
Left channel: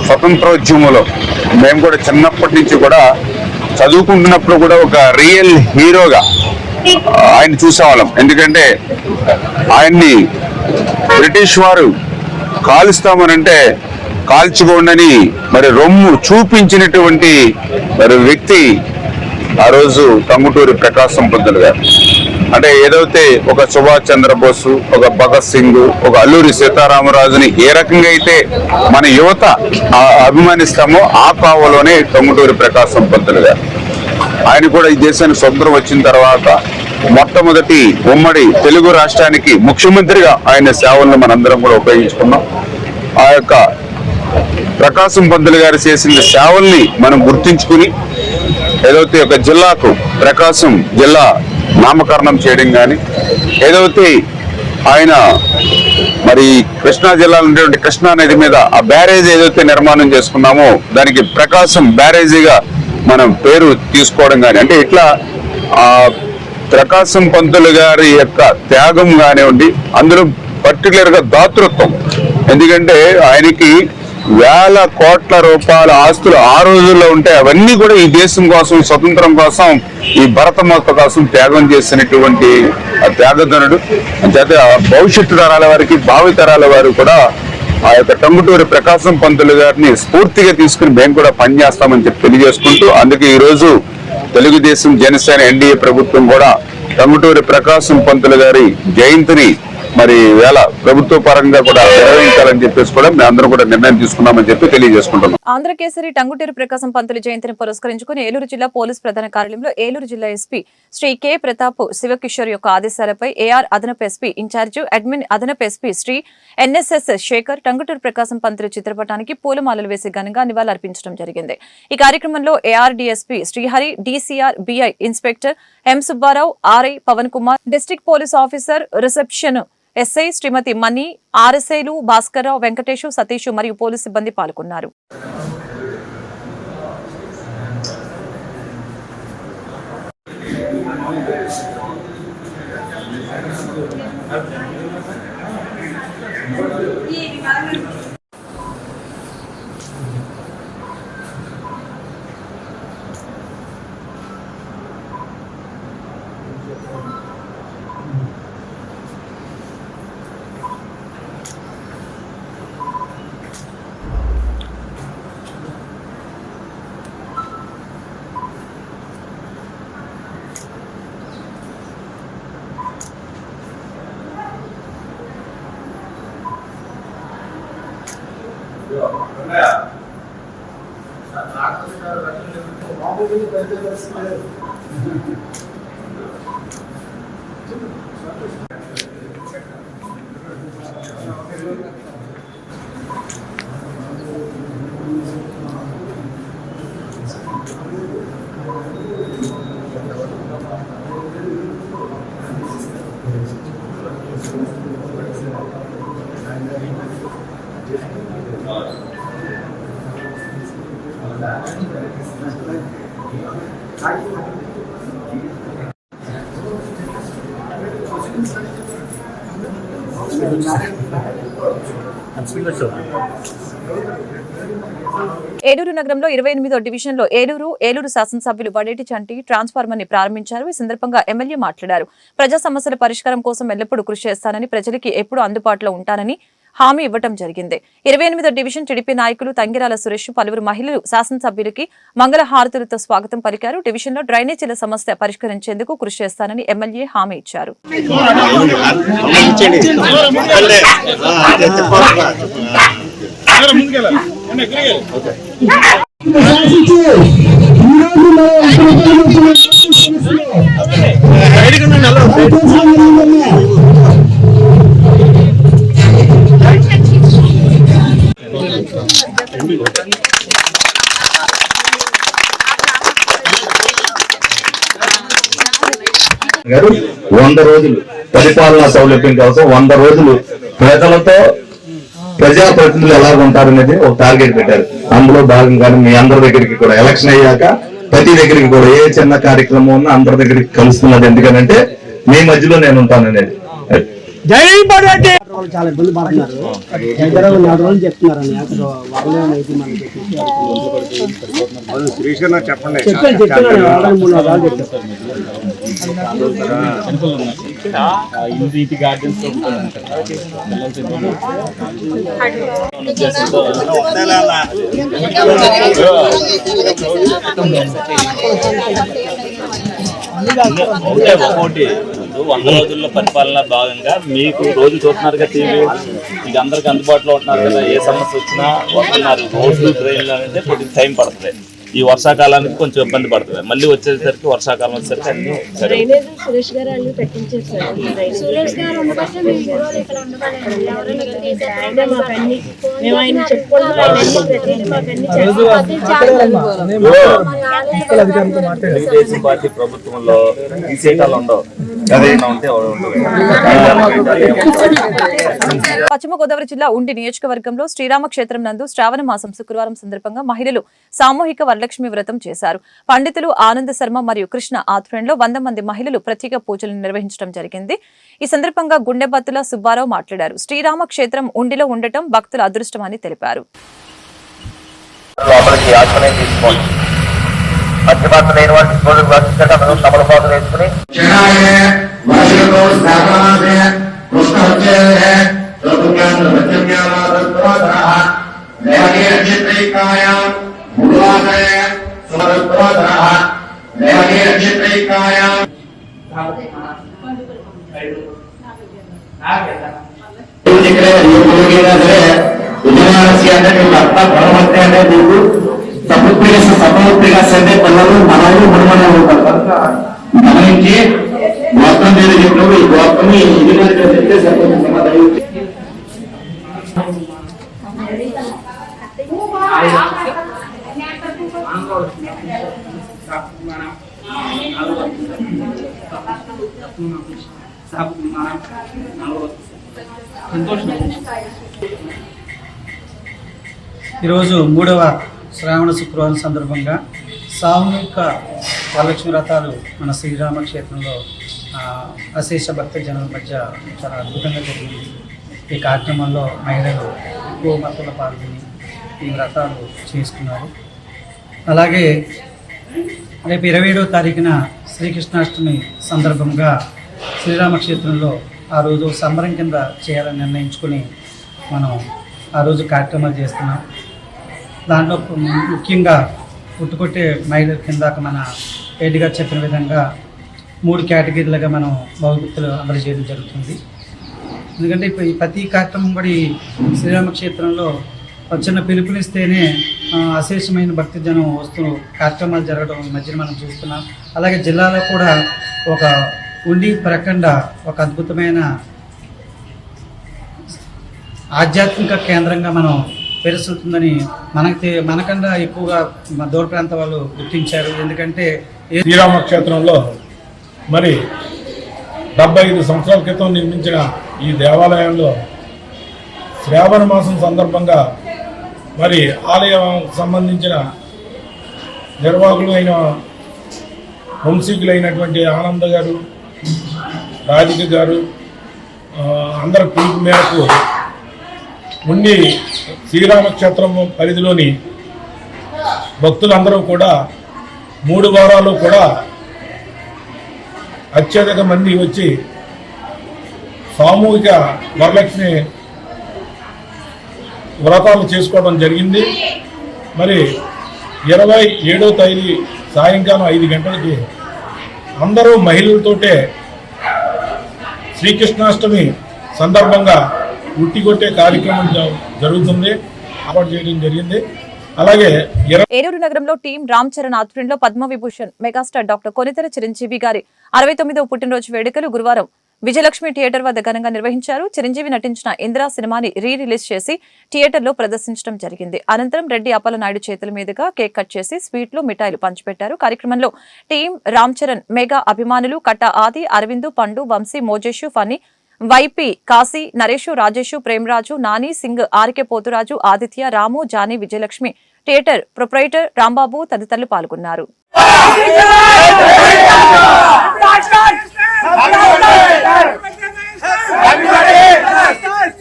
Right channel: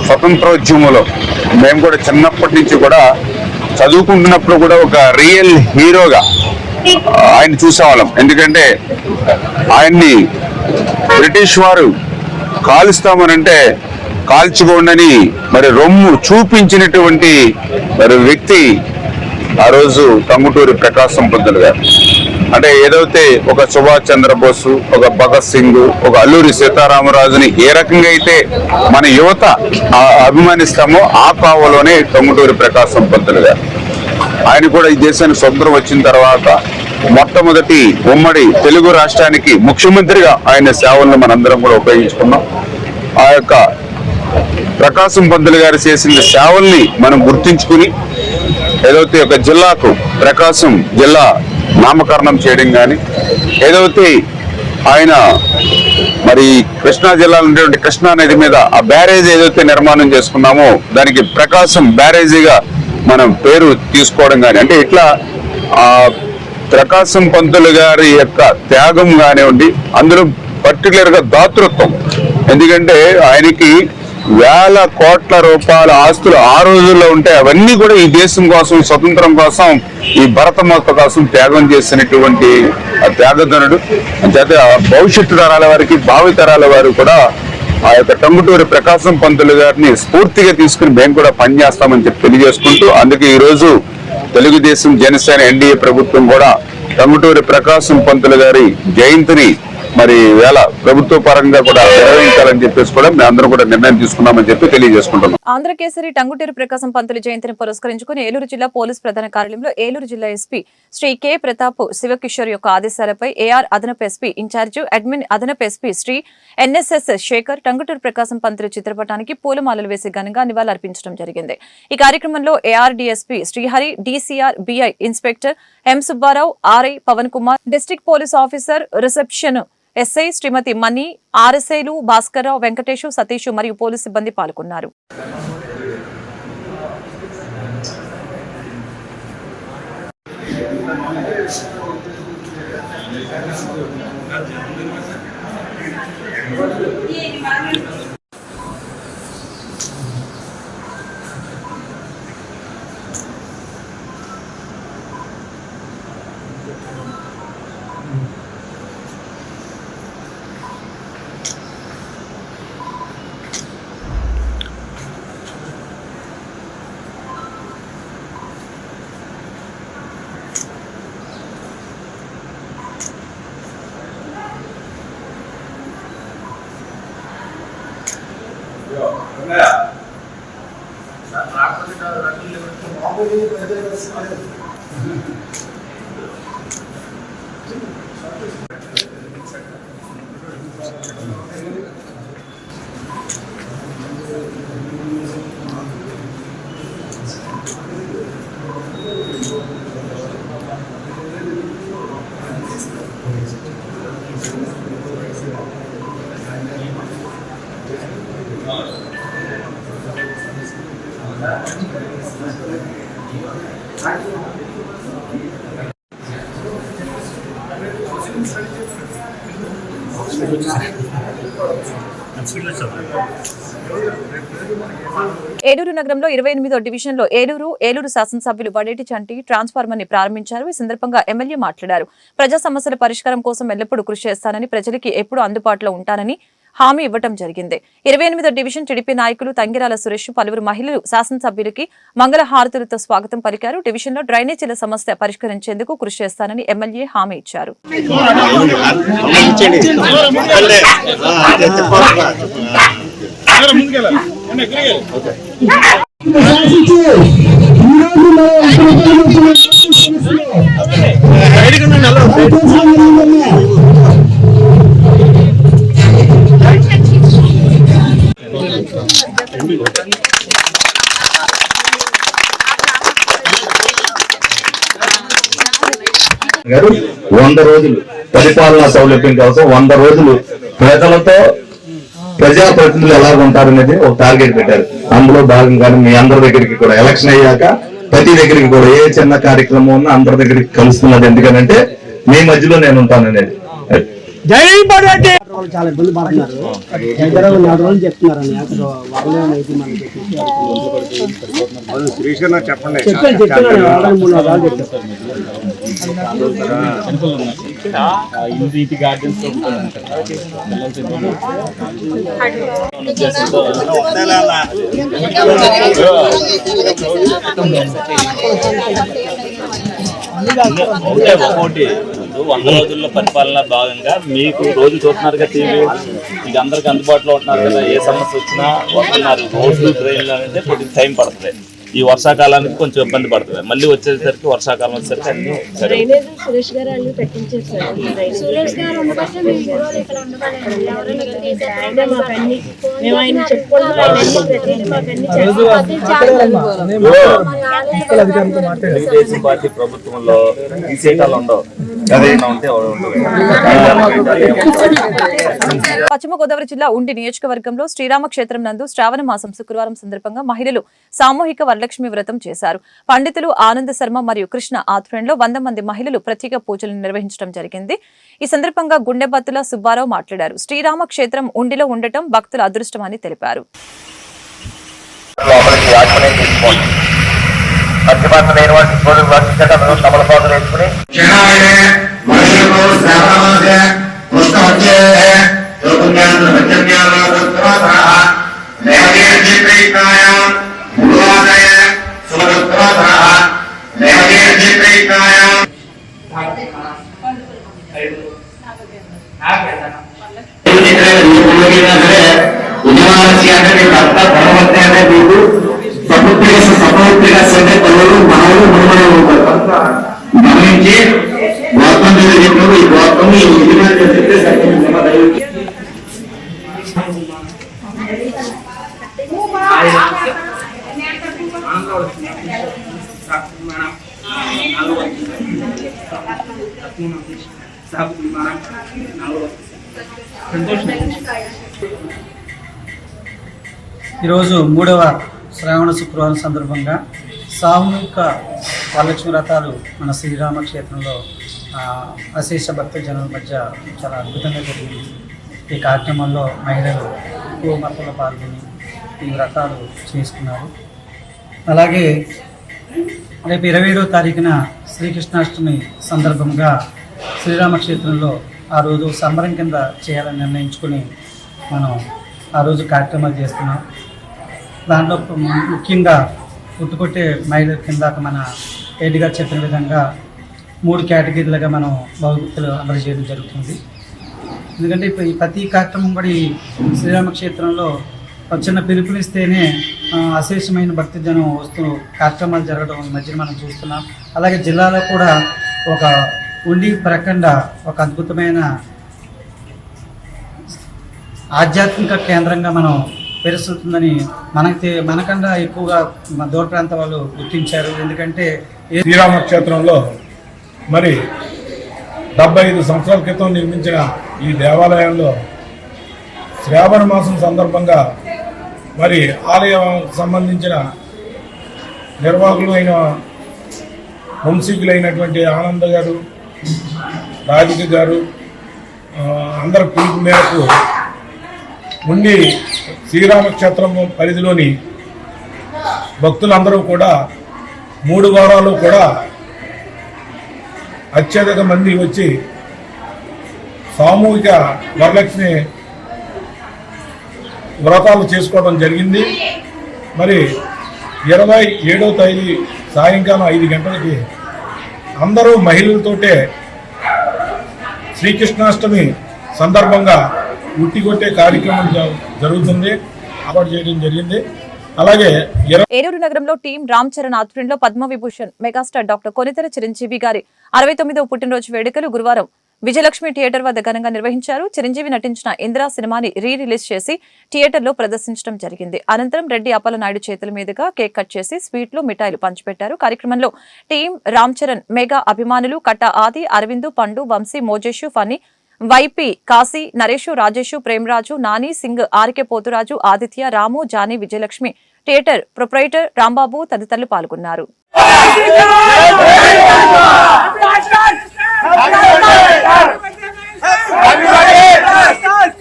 స్వతంత్రోద్యమంలో మేము కూడా చిన్నప్పటి నుంచి కూడా చదువుకుంటున్నప్పుడు కూడా ఒక రియల్ హీరోగా ఆయన చూసేవాళ్ళం. ఎందుకంటే ఆయన్ని బ్రిటిష్ వారు కాలుస్తామనంటే కాల్చుకోండని మరి రొమ్ము చూపించినటువంటి మరి వ్యక్తి ఆ రోజు టంగుటూరి ప్రకాశం పంతులు గారు. అంటే ఏదైతే ఒక సుభాష్ చంద్రబోసు, ఒక భగత్ సింగ్, ఒక అల్లూరి సీతారామరాజుని ఏ రకంగా అయితే మన యువత అభిమానిస్తామో ఆ కావలోనే టంగుటూరి ప్రకాశం పంతులు గారు. ఆయన కూడా ఈ దేశానికి స్వతంత్రం వచ్చిన తర్వాత మొట్టమొదటి ఉమ్మడి తెలుగు రాష్ట్రానికి ముఖ్యమంత్రిగా ఆయన సేవలను మనందరం కూడా ఉపయోగించుకున్నాం. ఆ యొక్క ప్రకాశం పంతులు గారు చేసిన సేవల్ని మనం గుర్తించుకుని ఏదైతే ఒక జిల్లాకు ప్రకాశం జిల్లా నామకరణం చేయడం కానీ, ఏదైతే ఆయన మరి కృష్ణా జిల్లాలో ఉండేటువంటి కృష్ణా నది మీద ఆ బ్యారేజ్ ఏదైతే నిర్మాణం చేసుకున్నామో దానికి ప్రకాశం బ్యారేజీగా మనం పేరు తీసుకోవడం కానీ, అంటే ఇట్లా ఆ ప్రకాశం పంతులు గారి యొక్క త్యాగం కానివ్వండి, అందులో పర్టికులర్ గా దాతృత్వం. ఎందుకంటే ఆయనకి వేల కోట్ల రూపాయల ఆస్తులు ఆ రోజుల్లో ఉంటే అవన్నీ కూడా ఈ దేశం కోసం, స్వతంత్రం కోసం, ఈ భరతమాత కోసం త్యాగం చేసినటువంటి ఆ త్యాగధనుడు. అంచేత భవిష్యత్తు తరాల వారికి, భావి తరాల వారు కూడా ఆ యొక్క టంగుటూరి ప్రకాశం పంతులు గారిని స్ఫూర్తిగా తీసుకుని మేము కూడా పనిచేస్తామని చెప్పి తెలియజేసుకుంటూ, అందుకే ఈ రోజు తెలుగుదేశం, జనసేన, ఎన్డీఏ ప్రభుత్వం కూడా టంగుటూరి ప్రకాశం పంతులు గారి జయంతిని మరి వేళ ప్రభుత్వ పరంగా కూడా నిర్వహించాలని చెప్పేసి కూడా మేము అందరం కూడా నిర్ణయం తీసుకున్నామని చెప్పి తెలియజేసుకుంటున్నాం. ఆంధ్రకేసరి టంగుటూరి ప్రకాశం పంతులు జయంతిని పురస్కరించుకుని ఏలూరు జిల్లా పోలీస్ ప్రధాన కార్యాలయంలో ఏలూరు జిల్లా ఎస్పీ శ్రీ కె ప్రతాప్ శివకిషోర్ యొక్క ఆదేశాలపై ఏఆర్ అదనపు ఎస్పీ ఇన్ఛార్జ్ అడ్మిన్ అదనపు ఎస్పీ శ్రీ ఎన్ఎస్ఎస్ శేఖర్ టంగుటూరి ప్రకాశం పంతులు చిత్రపటానికి పూలమాలలు వేసి ఘనంగా నివాళులర్పించడం జరిగింది. ఈ కార్యక్రమంలో AR DSP Srihari, DCR BI inspector M Subbarao, RI Pawan Kumar, district police officer reception SI శ్రీమతి మణి, ఆర్ఎస్ఐలు భాస్కర్రావు, వెంకటేశు, సతీష్ మరియు పోలీసు సిబ్బంది పాల్గొన్నారు. ఏలూరు నగరంలో 28వ డివిజన్లో ఏలూరు శాసనసభ్యులు వడేటి చంటి ట్రాన్స్ఫార్మర్ ని ప్రారంభించారు. ఈ సందర్భంగా ఎమ్మెల్యే మాట్లాడారు. ప్రజా సమస్యల పరిష్కారం కోసం ఎల్లప్పుడూ కృషి చేస్తానని, ప్రజలకి ఎప్పుడు అందుబాటులో ఉంటానని హామీ ఇవ్వడం జరిగింది. 28వ డివిజన్ టీడీపీ నాయకులు తంగిరాల సురేష్, పలువురు మహిళలు శాసనసభ్యులకి మంగళహారతులతో స్వాగతం పలికారు. డివిజన్ లో డ్రైనేజీల సమస్య పరిష్కరించేందుకు కృషి చేస్తానని ఎమ్మెల్యే హామీ ఇచ్చారు. గారు 100 రోజులు పరిపాలనా సౌలభ్యం కోసం 100 రోజులు ప్రజలతో ప్రజాప్రతినిధులు ఎలా ఉంటారనేది ఒక టార్గెట్ పెట్టారు. అందులో భాగంగానే మీ అందరి దగ్గరికి కూడా ఎలక్షన్ అయ్యాక ప్రతి దగ్గరికి కూడా ఏ చిన్న కార్యక్రమం ఉన్నా అందరి దగ్గరికి కలుస్తున్నది. ఎందుకంటే మీ మధ్యలో నేను ఉంటాననేది. వాళ్ళు చాలా ఇబ్బంది పడుతున్నారు. దగ్గర 4 రోజులు చెప్తున్నారని అక్కడ వాళ్ళే అయితే మనకి చెప్తున్నాను వాళ్ళని 3 రోజులు చెప్తారు. ఒకటి 100 రోజుల్లో పరిపాలన భాగంగా మీకు రోజు చూస్తున్నారుగా టీవీ, మీకు అందరికి అందుబాటులో ఉంటున్నారు కదా. ఏ సమస్య వచ్చినా వస్తున్నారు. రోడ్లు ట్రైన్లు అనేది కొద్దిగా టైం పడుతుంది. ఈ వర్షాకాలానికి కొంచెం ఇబ్బంది పడుతుంది. మళ్ళీ వచ్చేసరికి వర్షాకాలం వచ్చేసరికి అన్ని సరే. సురేష్ గారు అన్ని పెట్టించేసారు. సురేష్ గారు ఉండబట్టే మేము ఈ రోజు ఇక్కడ ఉండబడండి. ఎవరైనా మేము ఆయన చెప్పుకుంటాం. తెలుగుదేశం పార్టీ ప్రభుత్వంలో ఈ సీటాలు ఉండవు. పశ్చిమ గోదావరి జిల్లా ఉండి నియోజకవర్గంలో శ్రీరామక్షేత్రం నందు శ్రావణ మాసం శుక్రవారం సందర్భంగా మహిళలు సామూహిక వరలక్ష్మి వ్రతం చేశారు. పండితులు ఆనంద శర్మ మరియు కృష్ణ ఆధ్వర్యంలో 100 మంది మహిళలు ప్రత్యేక పూజలు నిర్వహించడం జరిగింది. ఈ సందర్భంగా గుండెబత్తుల సుబ్బారావు మాట్లాడారు. శ్రీరామక్షేత్రం ఉండిలో ఉండటం భక్తుల అదృష్టమని తెలిపారు. సమూర్తిగా సరే పిల్లలు మనలు మునుమనే ఉంటారు. గమనించి గోత్రం మీద చెప్పినప్పుడు ఈ గోత్రం ఈ ముందుగా చెప్తే సరిపోతుంది. ఈరోజు 3వ శ్రావణ శుక్రవారం సందర్భంగా సామూహిక వరలక్ష్మి వ్రతాలు మన శ్రీరామక్షేత్రంలో అశేష భక్త జనుల మధ్య చాలా అద్భుతంగా జరిగింది. ఈ కార్యక్రమంలో మహిళలు ఎక్కువ మొత్తంలో పాల్గొని ఈ వ్రతాలు చేసుకున్నారు. అలాగే రేపు 27వ తారీఖున శ్రీకృష్ణాష్టమి సందర్భంగా శ్రీరామక్షేత్రంలో ఆ రోజు సంబరం కింద చేయాలని నిర్ణయించుకుని మనం ఆ రోజు కార్యక్రమాలు చేస్తున్నాం. దాంట్లో ముఖ్యంగా పుట్టుకొట్టే మహిళల కిందాక మన రెడ్డిగా చెప్పిన విధంగా 3 కేటగిరీలుగా మనం భగవద్గీతలు అమలు చేయడం జరుగుతుంది. ఎందుకంటే ఇప్పుడు ఈ ప్రతి కార్యక్రమం కూడా ఈ శ్రీరామక్షేత్రంలో చిన్న పిలుపునిస్తేనే అశేషమైన భక్తి జనం వస్తూ కార్యక్రమాలు జరగడం మధ్యన మనం చూస్తున్నాం. అలాగే జిల్లాలో కూడా ఒక ఉండి ప్రకండ ఒక అద్భుతమైన ఆధ్యాత్మిక కేంద్రంగా మనం పెరుస్తుందని మనకన్నా ఎక్కువగా దూర ప్రాంత వాళ్ళు గుర్తించారు. ఎందుకంటే శ్రీరామక్షేత్రంలో మరి 75 సంవత్సరాల క్రితం నిర్మించిన ఈ దేవాలయంలో శ్రావణ మాసం సందర్భంగా మరి ఆలయం సంబంధించిన నిర్వాహకులు అయిన వంశీకులైనటువంటి ఆనంద్ గారు, రాధిక గారు అందరి పిలుపు మేరకు ఉండి శ్రీరామక్షేత్రం పరిధిలోని భక్తులందరూ కూడా 3 వారాలు కూడా అత్యధిక మంది వచ్చి సామూహిక వరలక్ష్మి వ్రతాలు చేసుకోవడం జరిగింది. మరి 27వ తేదీ సాయంకాలం 5 గంటలకి అందరూ మహిళలతోటే శ్రీకృష్ణాష్టమి సందర్భంగా ఉట్టి కొట్టే కార్యక్రమం జరుగుతుంది, ఏర్పాటు చేయడం జరిగింది. అలాగే ఏలూరు నగరంలో టీం రామ్ చరణ్ ఆధ్వర్యంలో పద్మవిభూషణ్ మెగాస్టార్ డాక్టర్ కొనితెర చిరంజీవి గారి 69వ పుట్టినరోజు వేడుకలు గురువారం విజయలక్ష్మి థియేటర్ వద్ద ఘనంగా నిర్వహించారు. చిరంజీవి నటించిన ఇందిరా సినిమాని రిలీజ్ చేసి థియేటర్లో ప్రదర్శించడం జరిగింది. అనంతరం రెడ్డి అప్పలనాయుడు చేతుల మీదుగా కేక్ కట్ చేసి స్వీట్లు మిఠాయిలు పంచిపెట్టారు. కార్యక్రమంలో టీం రామ్ చరణ్ మెగా అభిమానులు కట్ట ఆది, అరవింద్, పండు, Vamsi, మోజేషు, funny, YP, Kashi, Naresh, Rajesh, Premaraju, Nani, Singh, RK Poturaju, Aditya, రాము, Johnny, Vijayalakshmi theatre proprietor Rambabu తదితరులు పాల్గొన్నారు.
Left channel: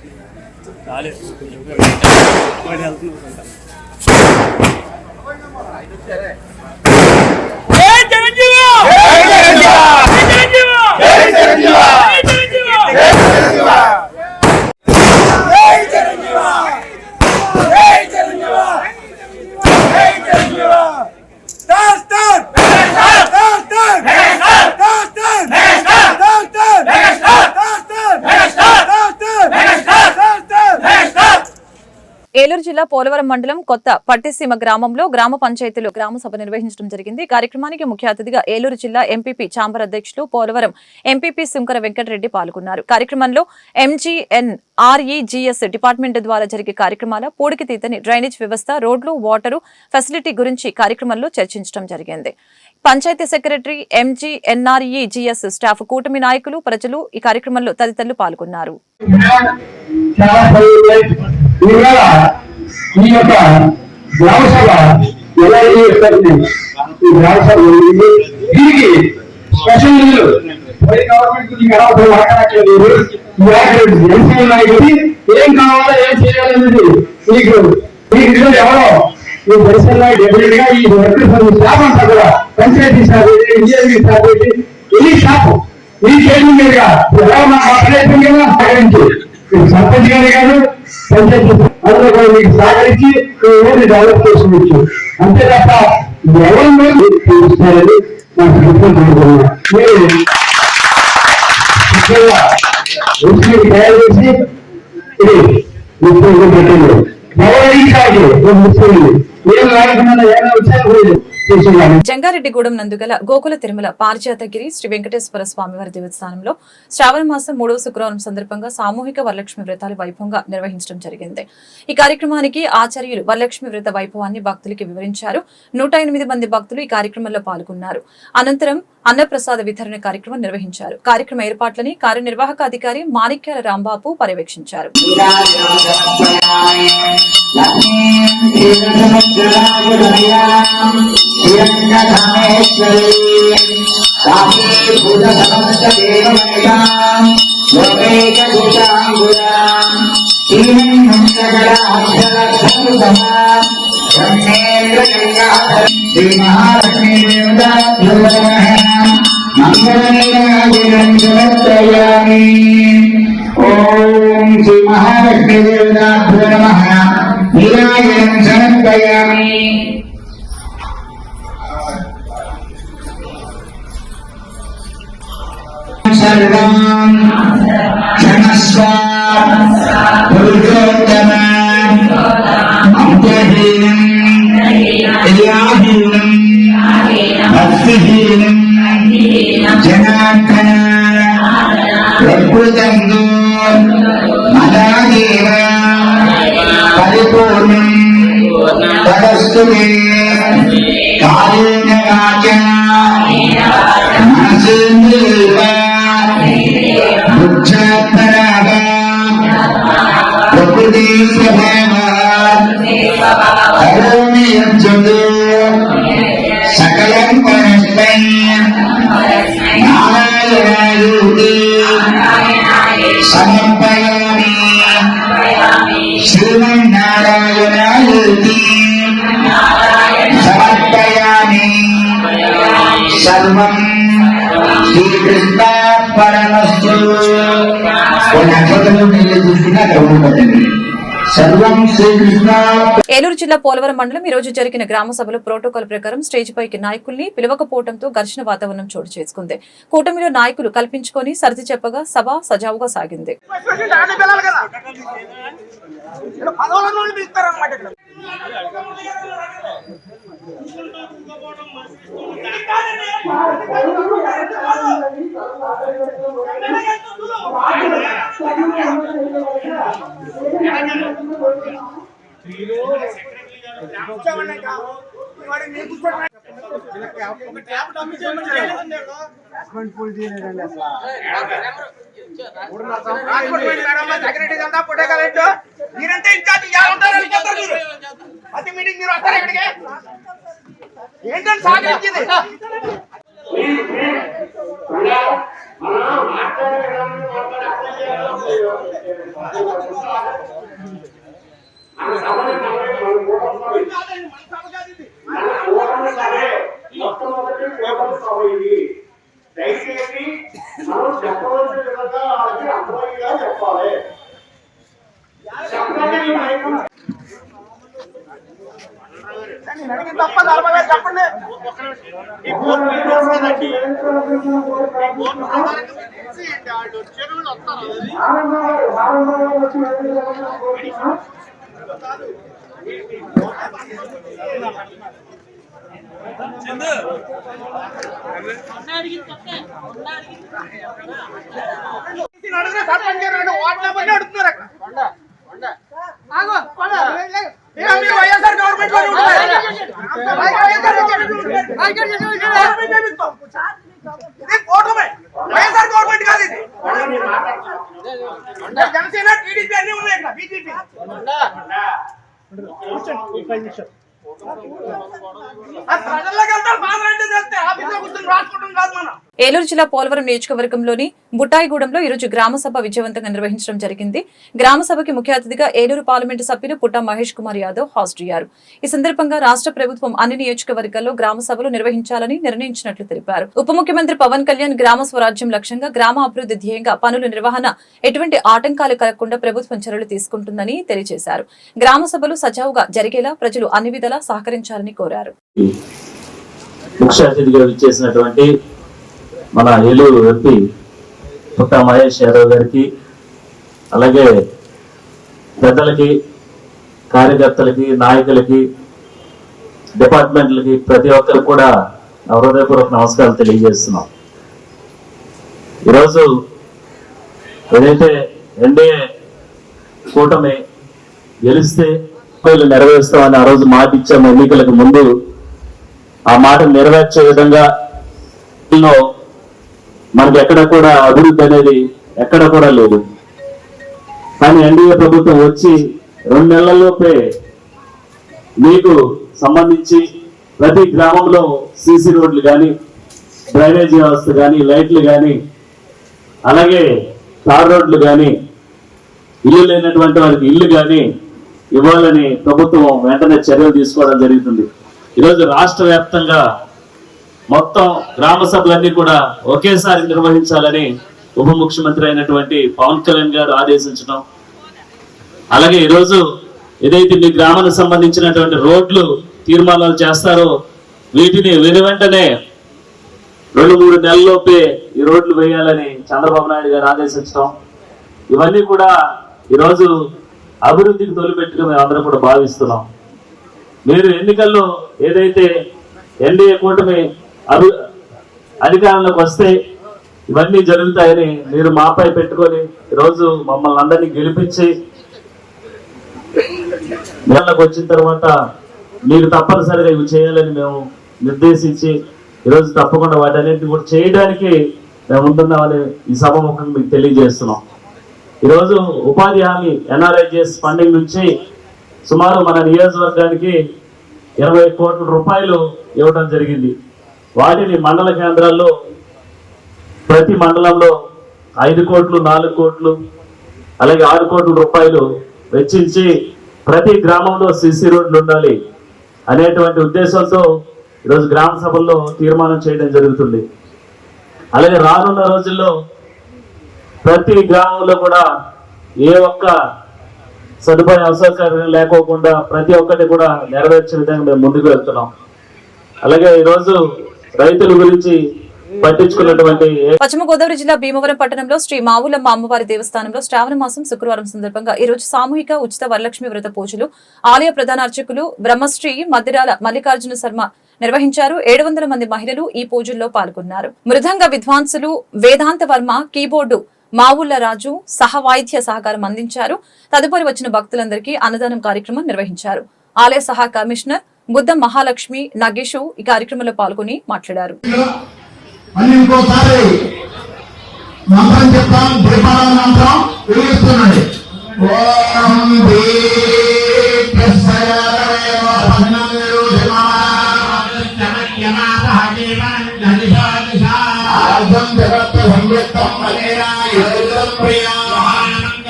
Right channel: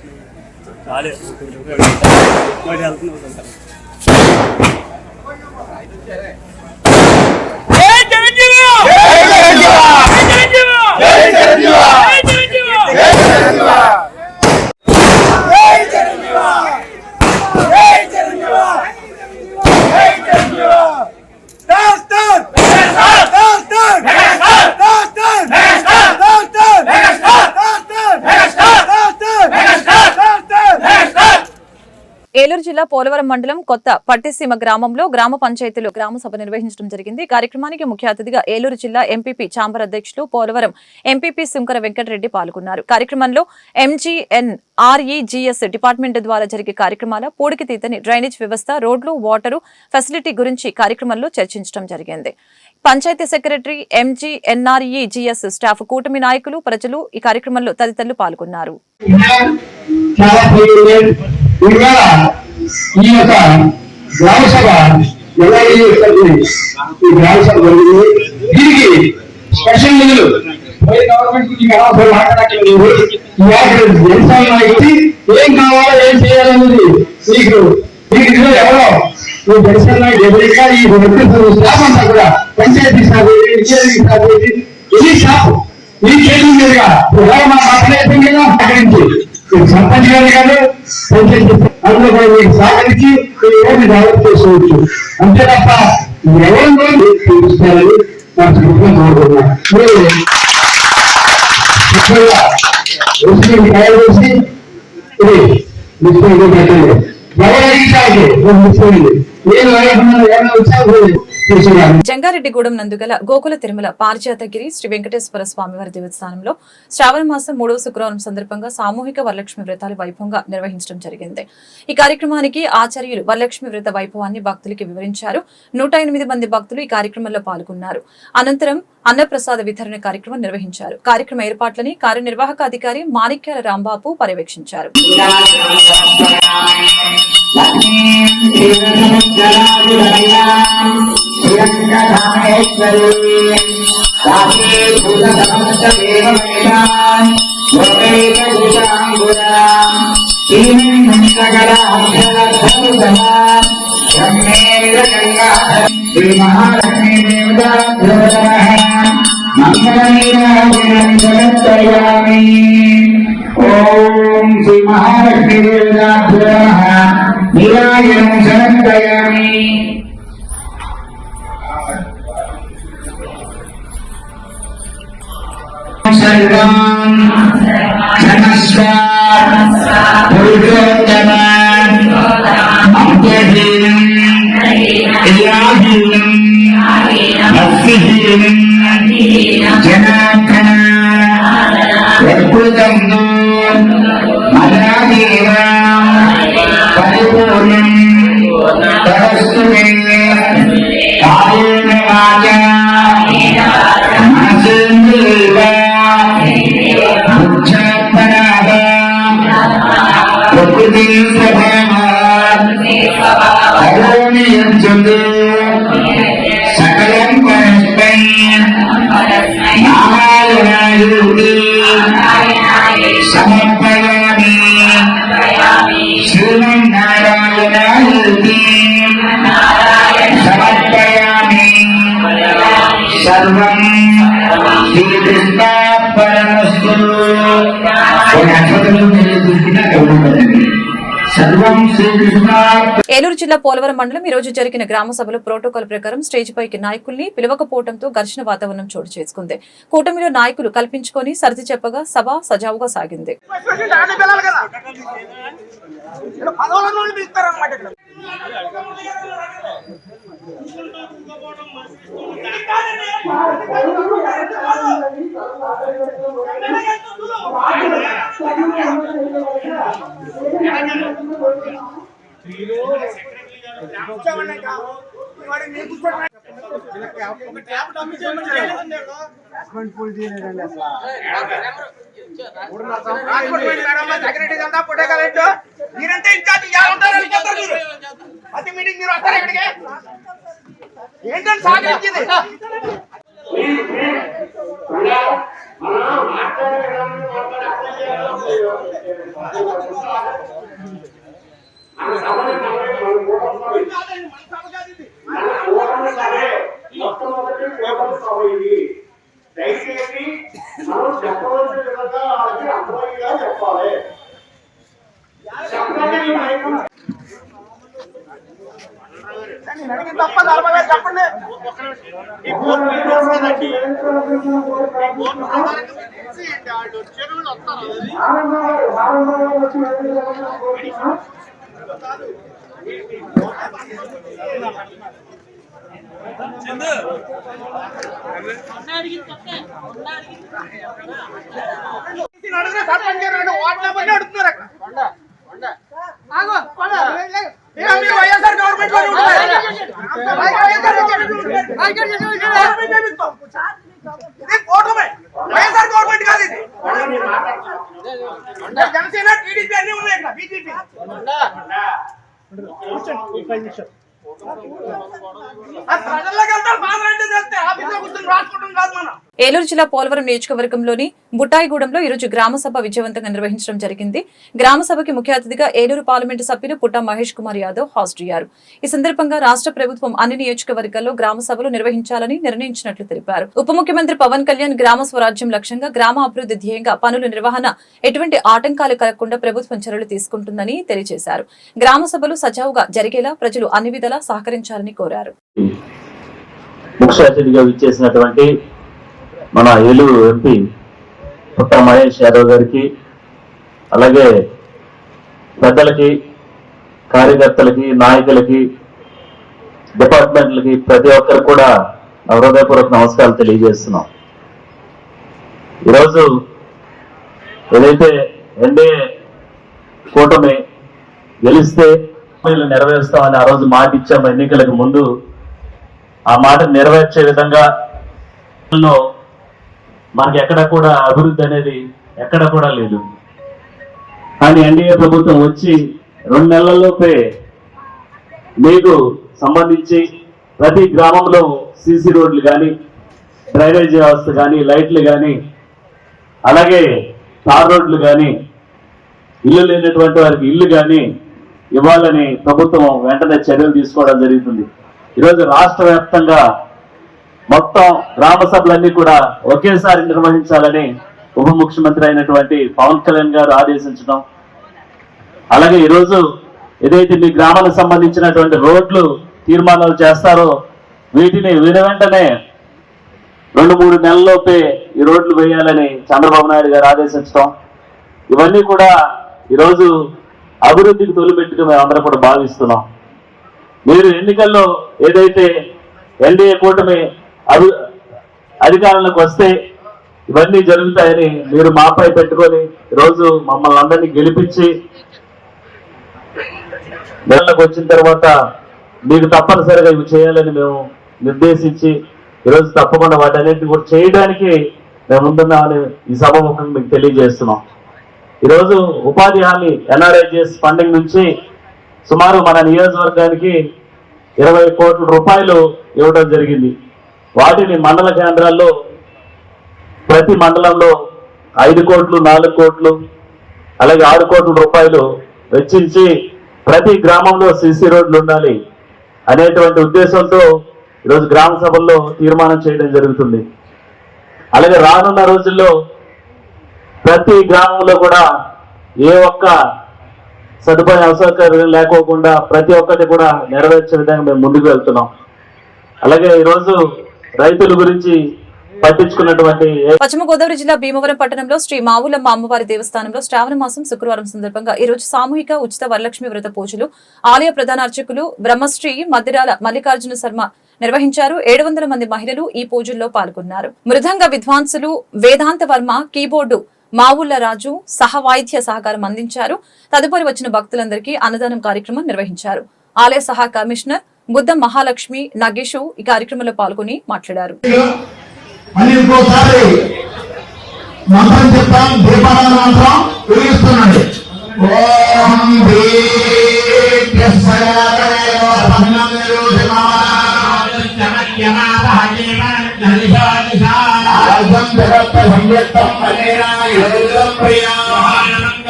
ఏలూరు జిల్లా పోలవరం మండలం కొత్త పట్టిసీమ గ్రామంలో గ్రామ పంచాయతీలో గ్రామ సభ నిర్వహించడం జరిగింది. కార్యక్రమానికి ముఖ్య అతిథిగా ఏలూరు జిల్లా ఎంపీపీ చాంబర్ అధ్యక్షులు పోలవరం ఎంపీపీ సుంకర వెంకటరెడ్డి పాల్గొన్నారు. కార్యక్రమంలో MGNREGS డిపార్ట్మెంట్ ద్వారా జరిగే కార్యక్రమాల పూడికితీతని డ్రైనేజ్ వ్యవస్థ, రోడ్లు, వాటరు ఫెసిలిటీ గురించి కార్యక్రమంలో చర్చించడం జరిగింది. పంచాయతీ సెక్రటరీ, MGNREGS స్టాఫ్, కూటమి నాయకులు, ప్రజలు ఈ కార్యక్రమంలో తదితరులు పాల్గొన్నారు. ఇవాళ ఈ యొక్క గ్రామ సభ ఎలా ఈ గ్రామ సభ దీనికి స్పెషల్ నిధులు గవర్నమెంట్ ఏం కావాలో ఏం చేయాలనేది మీకు ఎవరో ఈ దర్శన డెఫినెట్ గా ఈ వర్క్ స్టాఫ్ అంతా కూడా పంచాయతీ స్టాఫ్, ఇంజనీరింగ్ స్టాఫ్, ఎన్ని స్టాఫ్ ఈ చేతుల మీదుగా సర్పంచ్ గారు కాదు పంచాయతీ అందరూ కూడా మీకు సహకరించి ఈ ఊరిని డెవలప్ చేసుకోవచ్చు. అంతే తప్ప ఎవరు చూపిస్తారని నాకు కోరుకుంటున్నాను. మీరు తయారు చేసి ఇది ముఖ్యంగా పెట్టండి. గౌరవించాలి ముఖ్యమైనది. ఏం లేకుండా ఏమైనా వచ్చారు. జంగారెడ్డిగూడెం నందుగల గోకుల తిరుమల పారిజాతగిరి శ్రీ వెంకటేశ్వర స్వామివారి దేవస్థానంలో శ్రావణ మాసం 3వ శుక్రవారం సందర్భంగా సామూహిక వరలక్ష్మి వ్రతాలు వైభవంగా నిర్వహించడం జరిగింది. ఈ కార్యక్రమానికి ఆచార్యులు వరలక్ష్మి వ్రత వైభవాన్ని భక్తులకి వివరించారు. 108 మంది భక్తులు ఈ కార్యక్రమంలో పాల్గొన్నారు. అనంతరం అన్నప్రసాద వితరణ కార్యక్రమం నిర్వహించారు. కార్యక్రమ ఏర్పాట్లని కార్యనిర్వాహక అధికారి మాణిక్యాల రాంబాబు పర్యవేక్షించారు. ఓం శ్రీ మహాలక్ష్మీ దేవతాభ్యో నమః. నీరాజనం సమర్పయామి. సర్వం క్షణస్వ పురుషోత్తమం అంత్యహీనం ఇలాహీనం భక్తిహీనం జనార్దన అద్భుతం మదాదేవ పరిపూర్ణం తదస్తు కాయేన వాచా మనసేంద్రియైవ బుద్ధ్యాత్మనా ప్రకృతి స్వభావాత్ కరోణీయంచందు సకలం పరస్మై నారాయణాయేతి సమర్పయామి. శ్రీమన్నారాయణాయేతి సమర్పయామి. సర్వం శ్రీకృష్ణ పరమస్తు. కొన్ని అక్షతలు నేను చూసుకున్నా కలుగుతుందండి. సర్వం శ్రీకృష్ణ. ఏలూరు జిల్లా పోలవరం మండలం ఈ రోజు జరిగిన గ్రామ సభలో ప్రోటోకాల్ ప్రకారం స్టేజ్ పైకి నాయకుల్ని పిలవకపోవడంతో ఘర్షణ వాతావరణం చోటు చేసుకుంది. కూటమిలో నాయకులు కల్పించుకొని సర్ది చెప్పగా సభ సజావుగా సాగింది. ఏంటంటే సాగించింది దయచేసి మనం చెప్పవలసిన విధంగా వాళ్ళకి అర్థమయ్యేలా చెప్పాలి. చెప్పండి. వైఎస్ఆర్ గవర్నమెంట్ వైఎస్ఆర్ గవర్నమెంట్ కాదు ఇది. జనసేన టీడీపీ అన్ని ఉన్నాయి ఇక్కడ. బీజేపీ ఏలూరు జిల్లా పోలవరం నియోజకవర్గంలోని బుట్టాయిగూడెంలో ఈరోజు గ్రామ సభ విజయవంతంగా నిర్వహించడం జరిగింది. గ్రామ సభకి ముఖ్య అతిథిగా ఏలూరు పార్లమెంటు సభ్యులు పుట్టా మహేష్ కుమార్ యాదవ్ హాజరయ్యారు. ఈ సందర్భంగా రాష్ట్ర ప్రభుత్వం అన్ని నియోజకవర్గాల్లో గ్రామ సభలు నిర్వహించాలని నిర్ణయించినట్లు తెలిపారు. ఉప ముఖ్యమంత్రి పవన్ కళ్యాణ్ గ్రామ స్వరాజ్యం లక్ష్యంగా గ్రామ అభివృద్ధి ధ్యేయంగా పనుల నిర్వహణ ఎటువంటి ఆటంకాలు కలగకుండా ప్రభుత్వం చర్యలు తీసుకుంటుందని తెలియజేశారు. గ్రామ సభలు సజావుగా జరిగేలా ప్రజలు అన్ని విధాలా సహకరించాలని కోరారు. ముఖ్య అతిథిగా విచ్చేసినటువంటి మన ఏలూరు ఎంపీ పుట్టా మహేష్ యాదవ్ గారికి, అలాగే పెద్దలకి, కార్యకర్తలకి, నాయకులకి, డిపార్ట్మెంట్లకి, ప్రతి ఒక్కరికి కూడా హృదయపూర్వక నమస్కారాలు తెలియజేస్తున్నాం. ఈరోజు ఏదైతే ఎన్డీఏ కూటమి గెలిస్తే నెరవేరుస్తామని ఆ రోజు మాట ఇచ్చాము ఎన్నికలకు ముందు, ఆ మాట నెరవేర్చే విధంగా మనకి ఎక్కడ కూడా అభివృద్ధి అనేది ఎక్కడ కూడా లేదు. కానీ ఎన్డీఏ ప్రభుత్వం వచ్చి 2 నెలల్లోపే మీకు సంబంధించి ప్రతి గ్రామంలో సీసీ రోడ్లు కానీ, డ్రైనేజీ వ్యవస్థ కానీ, లైట్లు కానీ, అలాగే తార్ రోడ్లు కానీ, ఇల్లు లేనటువంటి వారికి ఇల్లు కానీ ఇవ్వాలని ప్రభుత్వం వెంటనే చర్యలు తీసుకోవడం జరుగుతుంది. ఈరోజు రాష్ట్ర వ్యాప్తంగా మొత్తం గ్రామ సభలన్నీ కూడా ఒకేసారి నిర్వహించాలని ఉప ముఖ్యమంత్రి అయినటువంటి పవన్ కళ్యాణ్ గారు ఆదేశించడం, అలాగే ఈరోజు ఏదైతే మీ గ్రామానికి సంబంధించినటువంటి రోడ్లు తీర్మానాలు చేస్తారో వీటిని వెంటనే 2-3 నెలల్లోపే ఈ రోడ్లు వేయాలని చంద్రబాబు నాయుడు గారు ఆదేశించడం, ఇవన్నీ కూడా ఈరోజు అభివృద్ధికి తొలిపెట్టుగా మేము అందరం కూడా భావిస్తున్నాం. మీరు ఎన్నికల్లో ఏదైతే ఎన్డీఏ కూటమి అధికారంలోకి వస్తే ఇవన్నీ జరుగుతాయని మీరు మాపై పెట్టుకొని ఈరోజు మమ్మల్ని అందరినీ గెలిపించి నెలలకు వచ్చిన తర్వాత మీకు తప్పనిసరిగా ఇవి చేయాలని మేము నిర్దేశించి ఈరోజు తప్పకుండా వాటన్నిటిని కూడా చేయడానికి మేము ఉంటున్నామని ఈ సభాముఖంగా మీకు తెలియజేస్తున్నాం. ఈరోజు ఉపాధి హామీ ఎన్ఆర్ఐజిఎస్ ఫండింగ్ నుంచి సుమారు మన నియోజకవర్గానికి 20 కోట్ల రూపాయలు ఇవ్వడం జరిగింది. వాటిని మండల కేంద్రాల్లో ప్రతి మండలంలో 5 కోట్లు, 4 కోట్లు, అలాగే 6 కోట్ల రూపాయలు వెచ్చించి ప్రతి గ్రామంలో సీసీ రోడ్లు ఉండాలి అనేటువంటి ఉద్దేశంతో ఈరోజు గ్రామ సభల్లో తీర్మానం చేయడం జరుగుతుంది. అలాగే రానున్న రోజుల్లో ప్రతి గ్రామంలో కూడా ఏ ఒక్క సదుపాయ అసౌకర్యం లేకోకుండా ప్రతి ఒక్కటి కూడా నెరవేర్చే విధంగా మేము ముందుకు వెళ్తున్నాం. అలాగే ఈరోజు రైతుల గురించి పట్టించుకున్నటువంటి పశ్చిమ గోదావరి జిల్లా భీమవరం పట్టణంలో శ్రీ మావులమ్మ అమ్మవారి దేవస్థానంలో శ్రావణ మాసం శుక్రవారం సందర్భంగా ఈ రోజు సామూహిక ఉచిత వరలక్ష్మి వ్రత పూజలు ఆలయ ప్రధాన అర్చకులు బ్రహ్మశ్రీ మద్దిరాల మల్లికార్జున శర్మ నిర్వహించారు. 700 మంది మహిళలు ఈ పూజల్లో పాల్గొన్నారు. మృదంగ విద్వాంసులు వేదాంత వర్మ, కీబోర్డు మావుళ్ల రాజు సహవాయిద్య సహకారం అందించారు. తదుపరి వచ్చిన భక్తులందరికీ అన్నదానం కార్యక్రమం నిర్వహించారు. ఆలయ సహా కమిషనర్ బుద్ధ మహాలక్ష్మి నగేషు ఈ కార్యక్రమంలో పాల్గొని మాట్లాడారు.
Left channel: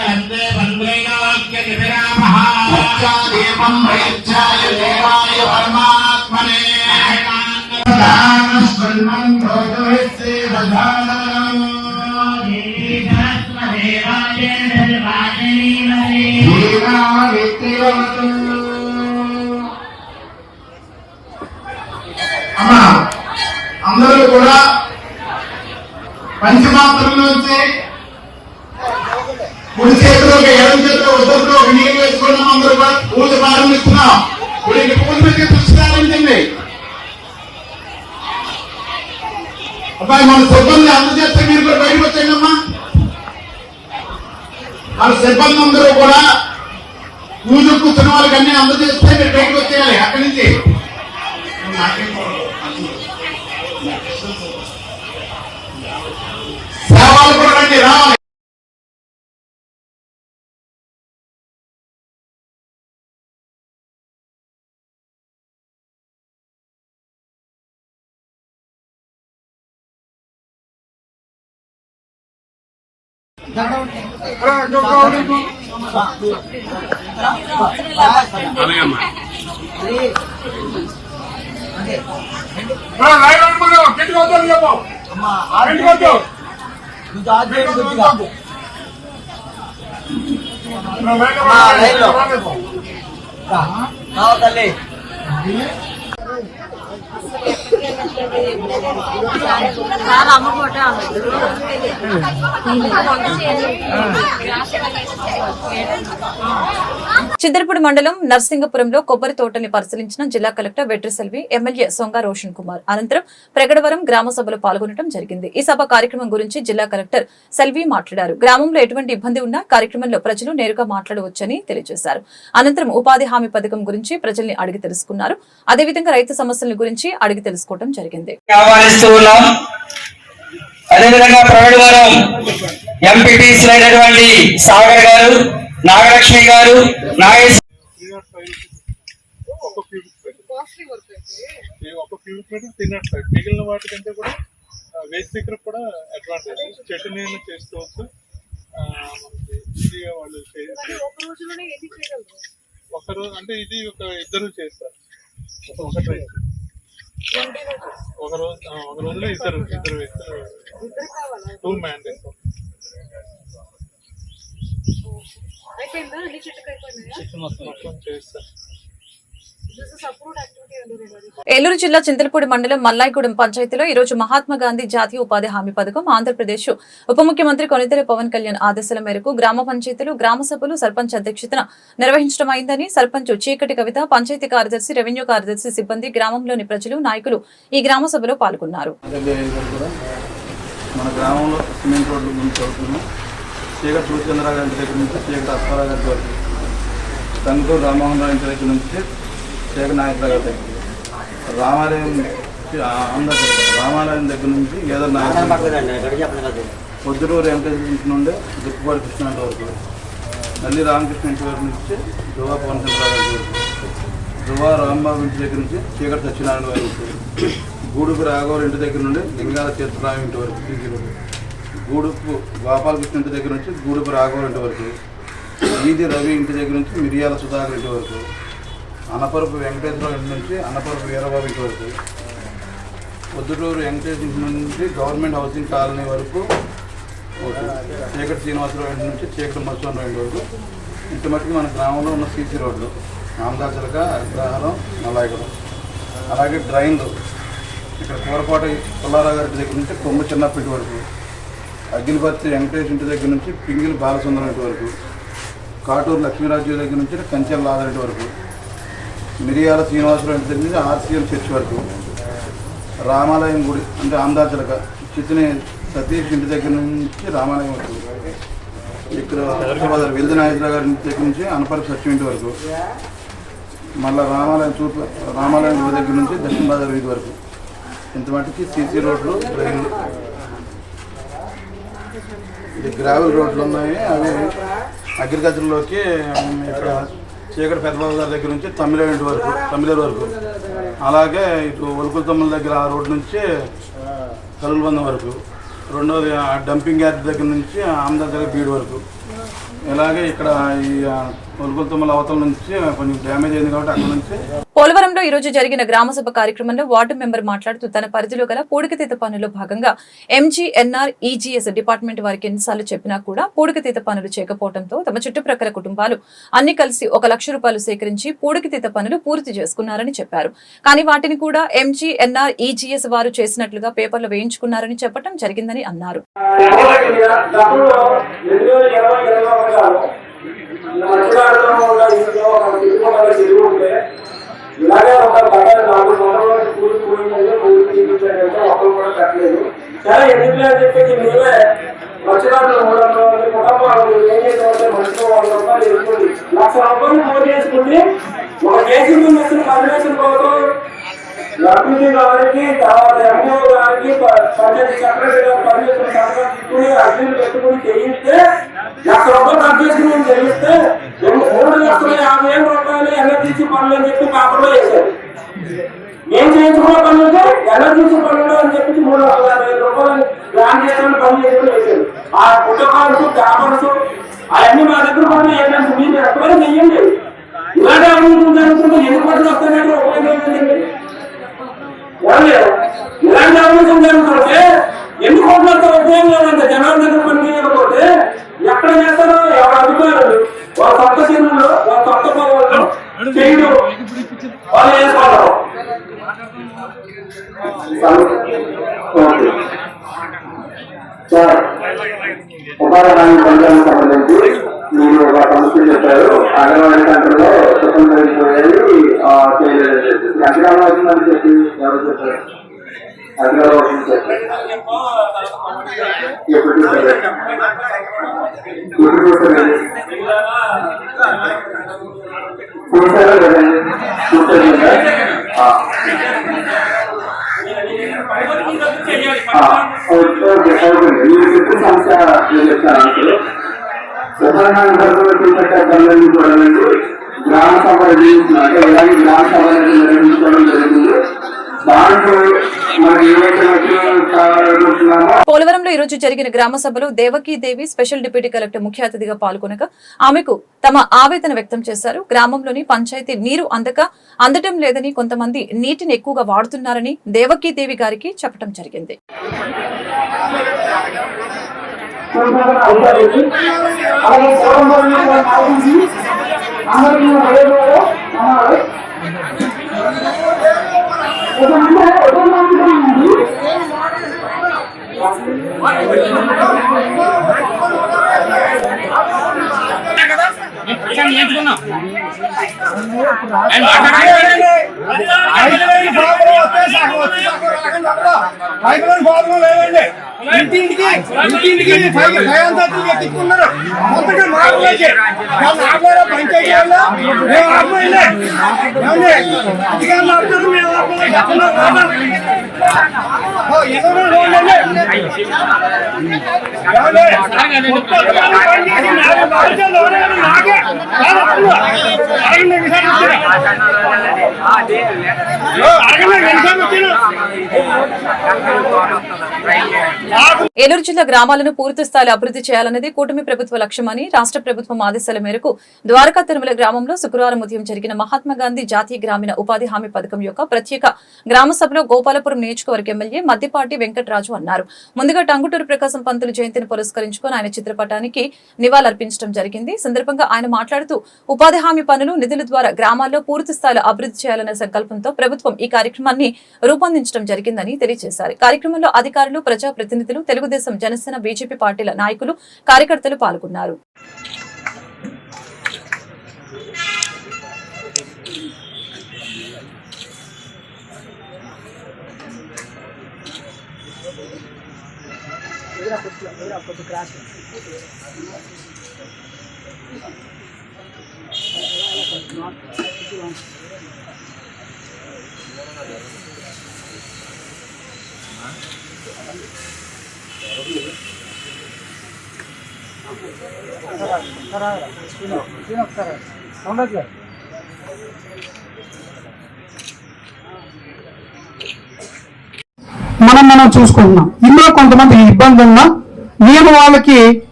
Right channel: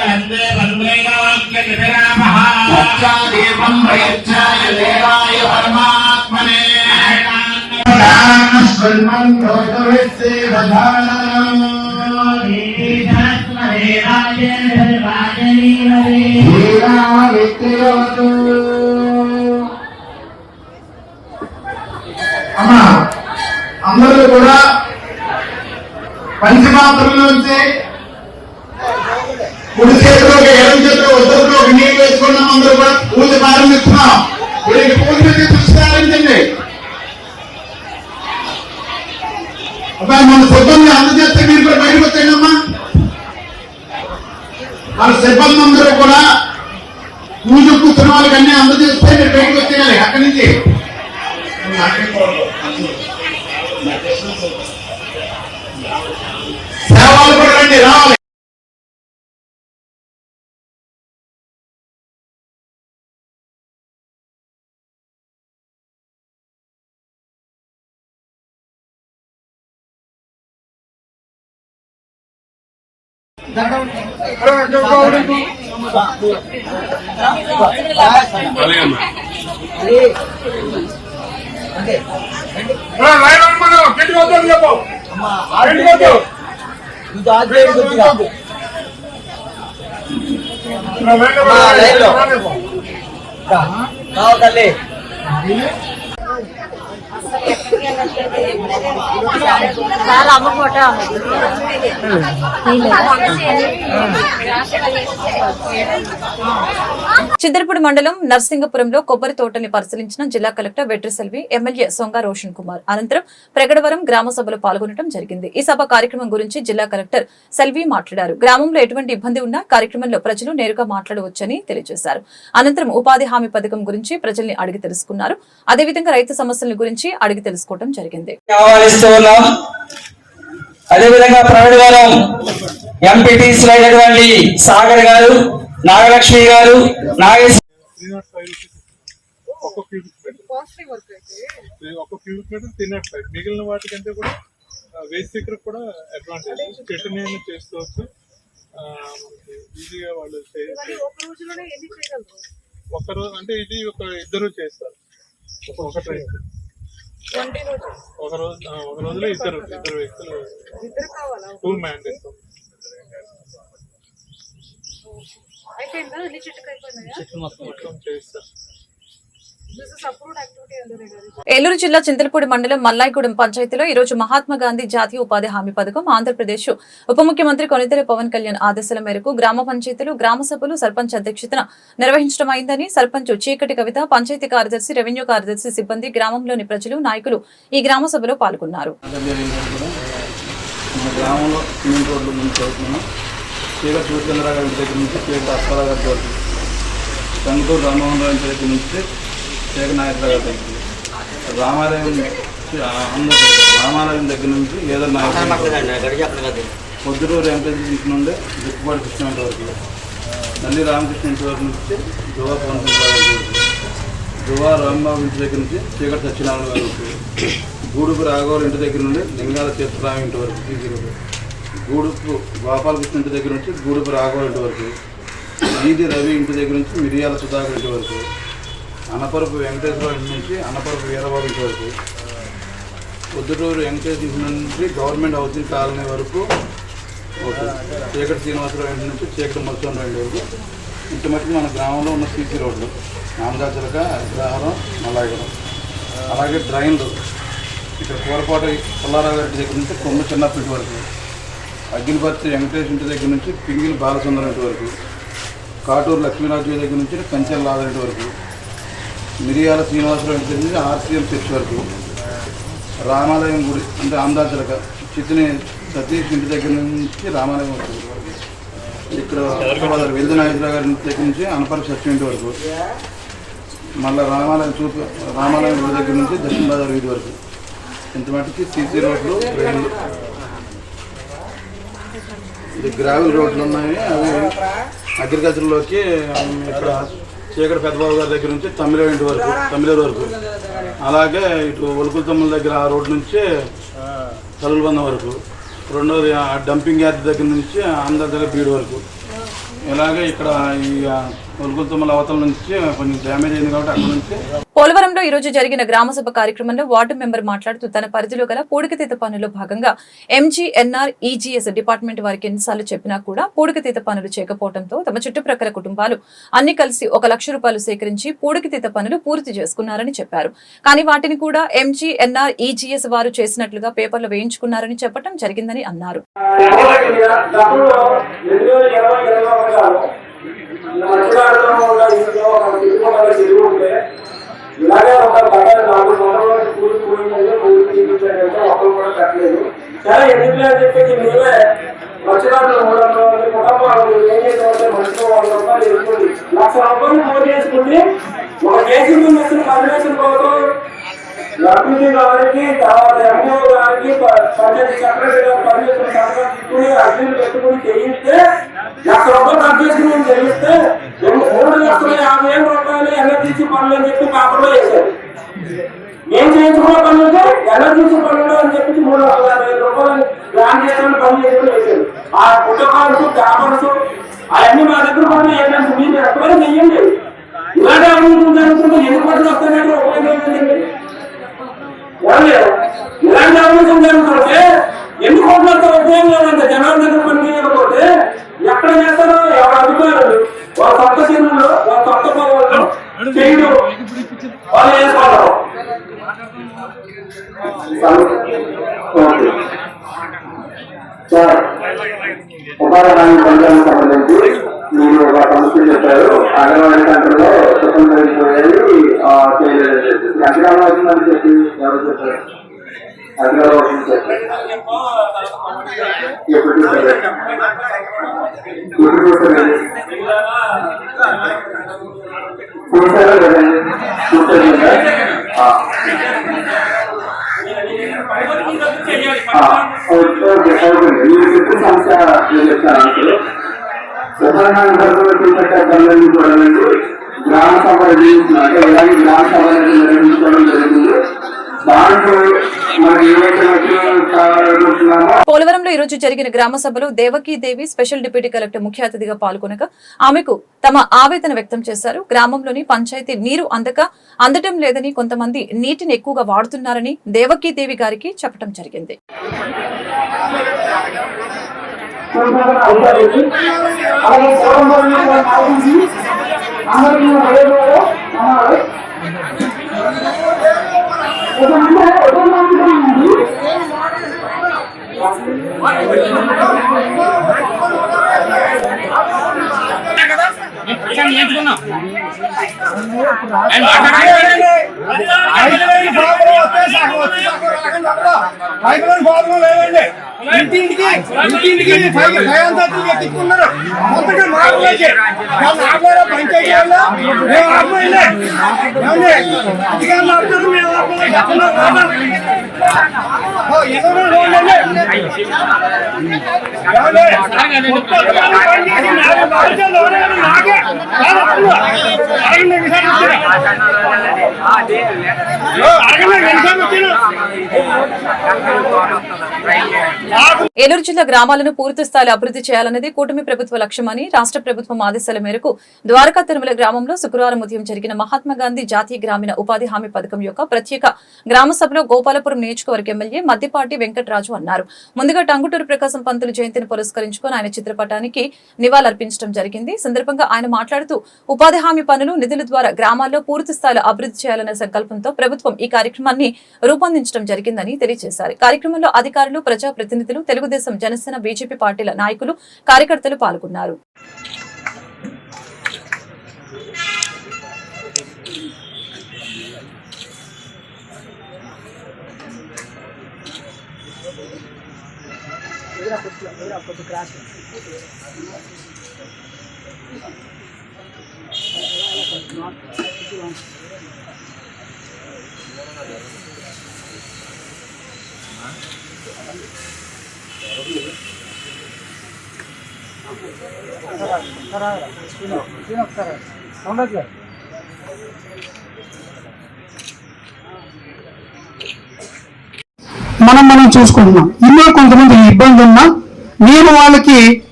అమ్మా అందరూ కూడా పంచమాత్రం నుంచి కుడి చేతిలో ఎడం చేతిలో ఉద్దరిలో నీళ్ళు వేసుకున్నాం. అందరూ కూడా పూజ ప్రారంభిస్తున్నాం. వీరికి పూజ దృష్టి ప్రారంభించండి. అబ్బాయి మన సిబ్బంది అందజేస్తే మీరు కూడా బయటకు వచ్చాయమ్మా. మన సిబ్బంది అందరూ కూడా పూజ కూర్చున్న వాళ్ళకి అన్ని అందజేస్తే మీరు బయటకు వచ్చేయాలి అక్కడి నుంచి. సేవలు కూడా రండి, రావాలి. చిద్దరపూడి మండలం నర్సింగపురంలో కొబ్బరి తోటల్ని పరిశీలించిన జిల్లా కలెక్టర్ వెట్రిసెల్వి, ఎమ్మెల్యే సొంగ రోషన్ కుమార్. అనంతరం ప్రగడవరం గ్రామ సభలో పాల్గొనడం జరిగింది. ఈ సభ కార్యక్రమం గురించి జిల్లా కలెక్టర్ సెల్వి మాట్లాడారు. గ్రామంలో ఎటువంటి ఇబ్బంది ఉన్నా కార్యక్రమంలో ప్రజలు నేరుగా మాట్లాడవచ్చని తెలియజేశారు. అనంతరం ఉపాధి హామీ పథకం గురించి ప్రజల్ని అడిగి తెలుసుకున్నారు. అదేవిధంగా రైతు సమస్యల గురించి అడిగి తెలుసుకోవడం జరిగింది. అదేవిధంగా ప్రగడవరం ఎంపీటీసీ అయినటువంటి సాగర్ గారు, నాగలక్ష్మి గారు, మిగిలిన వాటికంటే కూడా వేస్ట్ దగ్గర కూడా అడ్వాంటేజ్. చెట్టు నీళ్ళు చేసుకోవచ్చు. ఈజీగా వాళ్ళు ఒకరోజు అంటే ఇది ఒక ఇద్దరు చేస్తారు. ఒక రైతు ఒక రోజులో ఇద్దరు వ్యక్తులు టూ మ్యాండేట్స్. మొత్తం చేస్తారు. ఏలూరు జిల్లా చింతలపూడి మండలం మల్లాయిగూడెం పంచాయతీలో ఈ రోజు మహాత్మా గాంధీ జాతీయ ఉపాధి హామీ పథకం ఆంధ్రప్రదేశ్ ఉప ముఖ్యమంత్రి కొనితెల పవన్ కళ్యాణ్ ఆదేశాల మేరకు గ్రామ పంచాయతీలు, గ్రామ సభలు సర్పంచ్ అధ్యక్షతన నిర్వహించడం అయిందని సర్పంచ్ చీకటి కవిత, పంచాయతీ కార్యదర్శి, రెవెన్యూ కార్యదర్శి సిబ్బంది, గ్రామంలోని ప్రజలు, నాయకులు ఈ గ్రామ సభలో పాల్గొన్నారు. మన గ్రామంలో సిమెంట్ రోడ్లు ముందు చదువుతున్నాం. చీకటి సూర్యచంద్రరావు గారి దగ్గర నుంచి చీకటి అప్పారావు గారి వరకు, కంటూరు రామ్మోహన్ రావు ఇంటి దగ్గర నుంచి చీకటి నాగేశ్వరరావు గారి దగ్గర, రామాలయం దగ్గర నుంచి ఏదో నాయకులు, పొద్దుటూరు ఎంపీ ఇంటి నుండి దుక్కుపాటి కృష్ణ ఇంటి వరకు, నల్లి రామకృష్ణ ఇంటి వరకు నుంచి దువా పవన్ చంద్రరావు గారి వరకు, దువా రాంబాబు ఇంటి దగ్గర నుంచి చీకటి సత్యనారాయణ గారి వరకు, గూడుపు రాఘవర్ ఇంటి దగ్గర నుండి లింగాల తీర్థరావు ఇంటి వరకు, గూడుపు గోపాలకృష్ణ ఇంటి దగ్గర నుంచి గూడుపు రాఘవర్ ఇంటి వరకు, ఈది రవి ఇంటి దగ్గర నుంచి మిరియాల సుధాకర్ ఇంటి వరకు, అనపరపు వెంకటేశ్వరరావు ఇంటి నుంచి అనపరపు వీరబాబు ఇంటి వరకు, పొద్దుటూరు వెంకటేశ్వర ఇంటి నుంచి గవర్నమెంట్ హౌసింగ్ కాలనీ వరకు, చీకటి శ్రీనివాసరావు ఇంటి నుంచి చీకటి మత్స్యరావు ఇంటి వరకు. ఇంటి మట్టుకు మన గ్రామంలో ఉన్న సీసీ రోడ్లు నామదాచలక, అగ్రహారం, మల్లాయిగూడెం, అలాగే డ్రైన్లు ఇక్కడ కూరపాటి పుల్లారావు గారి దగ్గర నుంచి కొమ్మ చిన్నప్పటి వరకు, అగ్గిలిపర్తి వెంకటేష్ ఇంటి దగ్గర నుంచి పింగిలి బాలసుందరం ఇంటి వరకు, కాటూరు లక్ష్మీరాజు దగ్గర నుంచి కంచెల లాదరింటి వరకు, మిరియాల శ్రీనివాసరావు ఇంటి దగ్గర నుంచి ఆర్సీఎల్ చర్చ్ వరకు, రామాలయం గుడి అంటే ఆంధ్రాచలక చిత్తిని సతీష్ ఇంటి దగ్గర నుంచి రామాలయం వరకు, ఇక్కడ వెల్ది నాగేశ్వరరావు గారి ఇంటి దగ్గర నుంచి అనపరపు సత్యం ఇంటి వరకు, మళ్ళీ రామాలయం గుడి దగ్గర నుంచి దక్షిణ బజార్ వీధి వరకు. ఇంత మటుకి సీసీ రోడ్లు, ట్రైన్లు, ఇది గ్రావెల్ రోడ్లు ఉన్నాయి. అవి అగ్రికల్చర్లోకి ఇక్కడ చీకటి పెద్దబాబు గారి దగ్గర నుంచి తమిళేరు వరకు, అలాగే ఇటు ఒలుకుల తమ్ముల దగ్గర ఆ రోడ్డు నుంచి కలుగుబందం వరకు, రెండోది డంపింగ్ యార్డ్ దగ్గర నుంచి ఆంధ్ర దగ్గర బీడు వరకు, ఇలాగే ఇక్కడ ఈ కొలుకులతుమ్మల అవతల నుంచి కొంచెం డ్యామేజ్ అయింది కాబట్టి అక్కడ నుంచి. పోలవరంలో ఈ రోజు జరిగిన గ్రామసభ కార్యక్రమంలో వార్డు మెంబర్ మాట్లాడుతూ తన పరిధిలో గల పూడికతీత పనుల్లో భాగంగా ఎంజీఎన్ఆర్ ఈజీఎస్ డిపార్ట్మెంట్ వారికి ఎన్నిసార్లు చెప్పినా కూడా పూడికతీత పనులు చేయకపోవడంతో తమ చుట్టుప్రక్కల కుటుంబాలు అన్ని కలిసి 1 లక్ష రూపాయలు సేకరించి పూడికతీత పనులు పూర్తి చేసుకున్నారని చెప్పారు. కానీ వాటిని కూడా ఎంజీఎన్ఆర్ ఈజీఎస్ వారు చేసినట్లుగా పేపర్లు వేయించుకున్నారని చెప్పడం జరిగిందని అన్నారు. ఇలాగే ఒక బట్టలు 4 సంవత్సరాలు కూలిపోయిందంటే ఒకరు కూడా కట్టలేదు. చాలా ఎందుకు అని చెప్పేసి మేమే మత్స్యకారులు 300 కుటుంబాలు ఏం చేసామంటే మనిషితో 100 రూపాయలు వేసుకుంది 1 లక్ష రూపాయలు పోటీ చేసుకుంది. ఒక కేసీ మెషిన్ కన్వెన్షన్ కోసం లక్ష్మీ గారికి, తర్వాత ఎంఓ గారికి, పంచాయతీ సెక్రటరీ గారు పర్మిషన్ తీసుకుని అర్జీలు పెట్టుకుని చేయిస్తే 1 లక్ష రూపాయలు ఖర్చు చేసుకుని మేము చెల్లిస్తే 3,50,000 రూపాయలు ఎన్ఆర్జీసీ పనులు అని చెప్పి పేపర్లో వేశారు. మేము చేయించుకున్న పనులతో ఎన్ఆర్జీసీ పనులు అని చెప్పి 3,50,000 రూపాయలు ప్లాన్ చేసుకుని పనులు చేసుకుని వేశారు. ఆ పుట్టకాల్స్, పేపర్స్ అవన్నీ మా దగ్గర పనులు ఏంటంటే మీరు ఎక్కడైనా చెయ్యండి. ఇలాంటి అభివృద్ధి జరుగుతుంటే ఎందుకు పనులు వస్తాయంటే ఉపయోగం ఏంటండి? ఇలాంటి అభివృద్ధి జరుగుతుంటే ఎందుకు పనులు ఉపయోగం లేదంటే జనాల దగ్గర పని చేయకపోతే ఎక్కడ చేస్తారో ఎవరు అధికారులు వాళ్ళ కొత్త చెరువులు, వాళ్ళ కొత్త పొలాలు చేయడం వాళ్ళు వేసుకోవడం. ఉపాధి హామీ పథకానికి సంబంధించి మీరు ఒక సమస్య చెప్పారు. అంగన్వాడీ సెంటర్లో ఎంతకాలం అవుతుందని చెప్పి ఎవరు చెప్పారు? అధికారులు అవుతుంది ఎప్పుడు చూస్తారు? చూసారా లేదండి? మీరు చెప్పిన సమస్య నేను చెప్తాను. ప్రధాన పనులన్నీ చూడాలండి. గ్రామ సభ నిర్వహించినట్టు ఇలాగే గ్రామ సభ నిర్వహించుకోవడం జరుగుతుంది. దాంట్లో మనకి ఏవైతే పోలవరంలో ఈ రోజు జరిగిన గ్రామ సభలో దేవకీదేవి స్పెషల్ డిప్యూటీ కలెక్టర్ ముఖ్య అతిథిగా పాల్గొనగా ఆమెకు తమ ఆవేదన వ్యక్తం చేశారు. గ్రామంలోని పంచాయతీ నీరు అందటం లేదని, కొంతమంది నీటిని ఎక్కువగా వాడుతున్నారని దేవకీదేవి గారికి చెప్పడం జరిగింది. ఇంటింటికి ఎత్తుకున్నారు. మొత్తంగా పంచాయతీ ఏలూరు జిల్లా గ్రామాలను పూర్తి స్థాయిలో అభివృద్ధి చేయాలన్నది కూటమి ప్రభుత్వ లక్ష్యమని రాష్ట్ర ప్రభుత్వం ఆదేశాల మేరకు ద్వారకా తిరుమల గ్రామంలో శుక్రవారం ఉదయం జరిగిన మహాత్మాగాంధీ జాతీయ గ్రామీణ ఉపాధి హామీ పథకం యొక్క ప్రత్యేక గ్రామ సభలో గోపాలపురం నియోజకవర్గ ఎమ్మెల్యే మద్దిపాటి వెంకటరాజు అన్నారు. ముందుగా టంగుటూరు ప్రకాశం పంతులు జయంతిని పురస్కరించుకుని ఆయన చిత్రపటానికి నివాళులర్పించడం జరిగింది. సందర్భంగా ఆయన మాట్లాడుతూ ఉపాధి హామీ పనులు నిధుల ద్వారా గ్రామాల్లో పూర్తి స్థాయిలో అభివృద్ధి చేయాలనే సంకల్పంతో ప్రభుత్వం ఈ కార్యక్రమాన్ని రూపొందించడం జరిగిందని తెలియజేశారు. కార్యక్రమంలో అధికారులు, ప్రజాప్రతినిధులు, తెలుగుదేశం, జనసేన, బీజేపీ పార్టీల నాయకులు, కార్యకర్తలు పాల్గొన్నారు. మనం చూసుకుంటున్నాం. ఇందులో కొంతమంది ఇబ్బంది ఉన్నా నేను వాళ్ళకి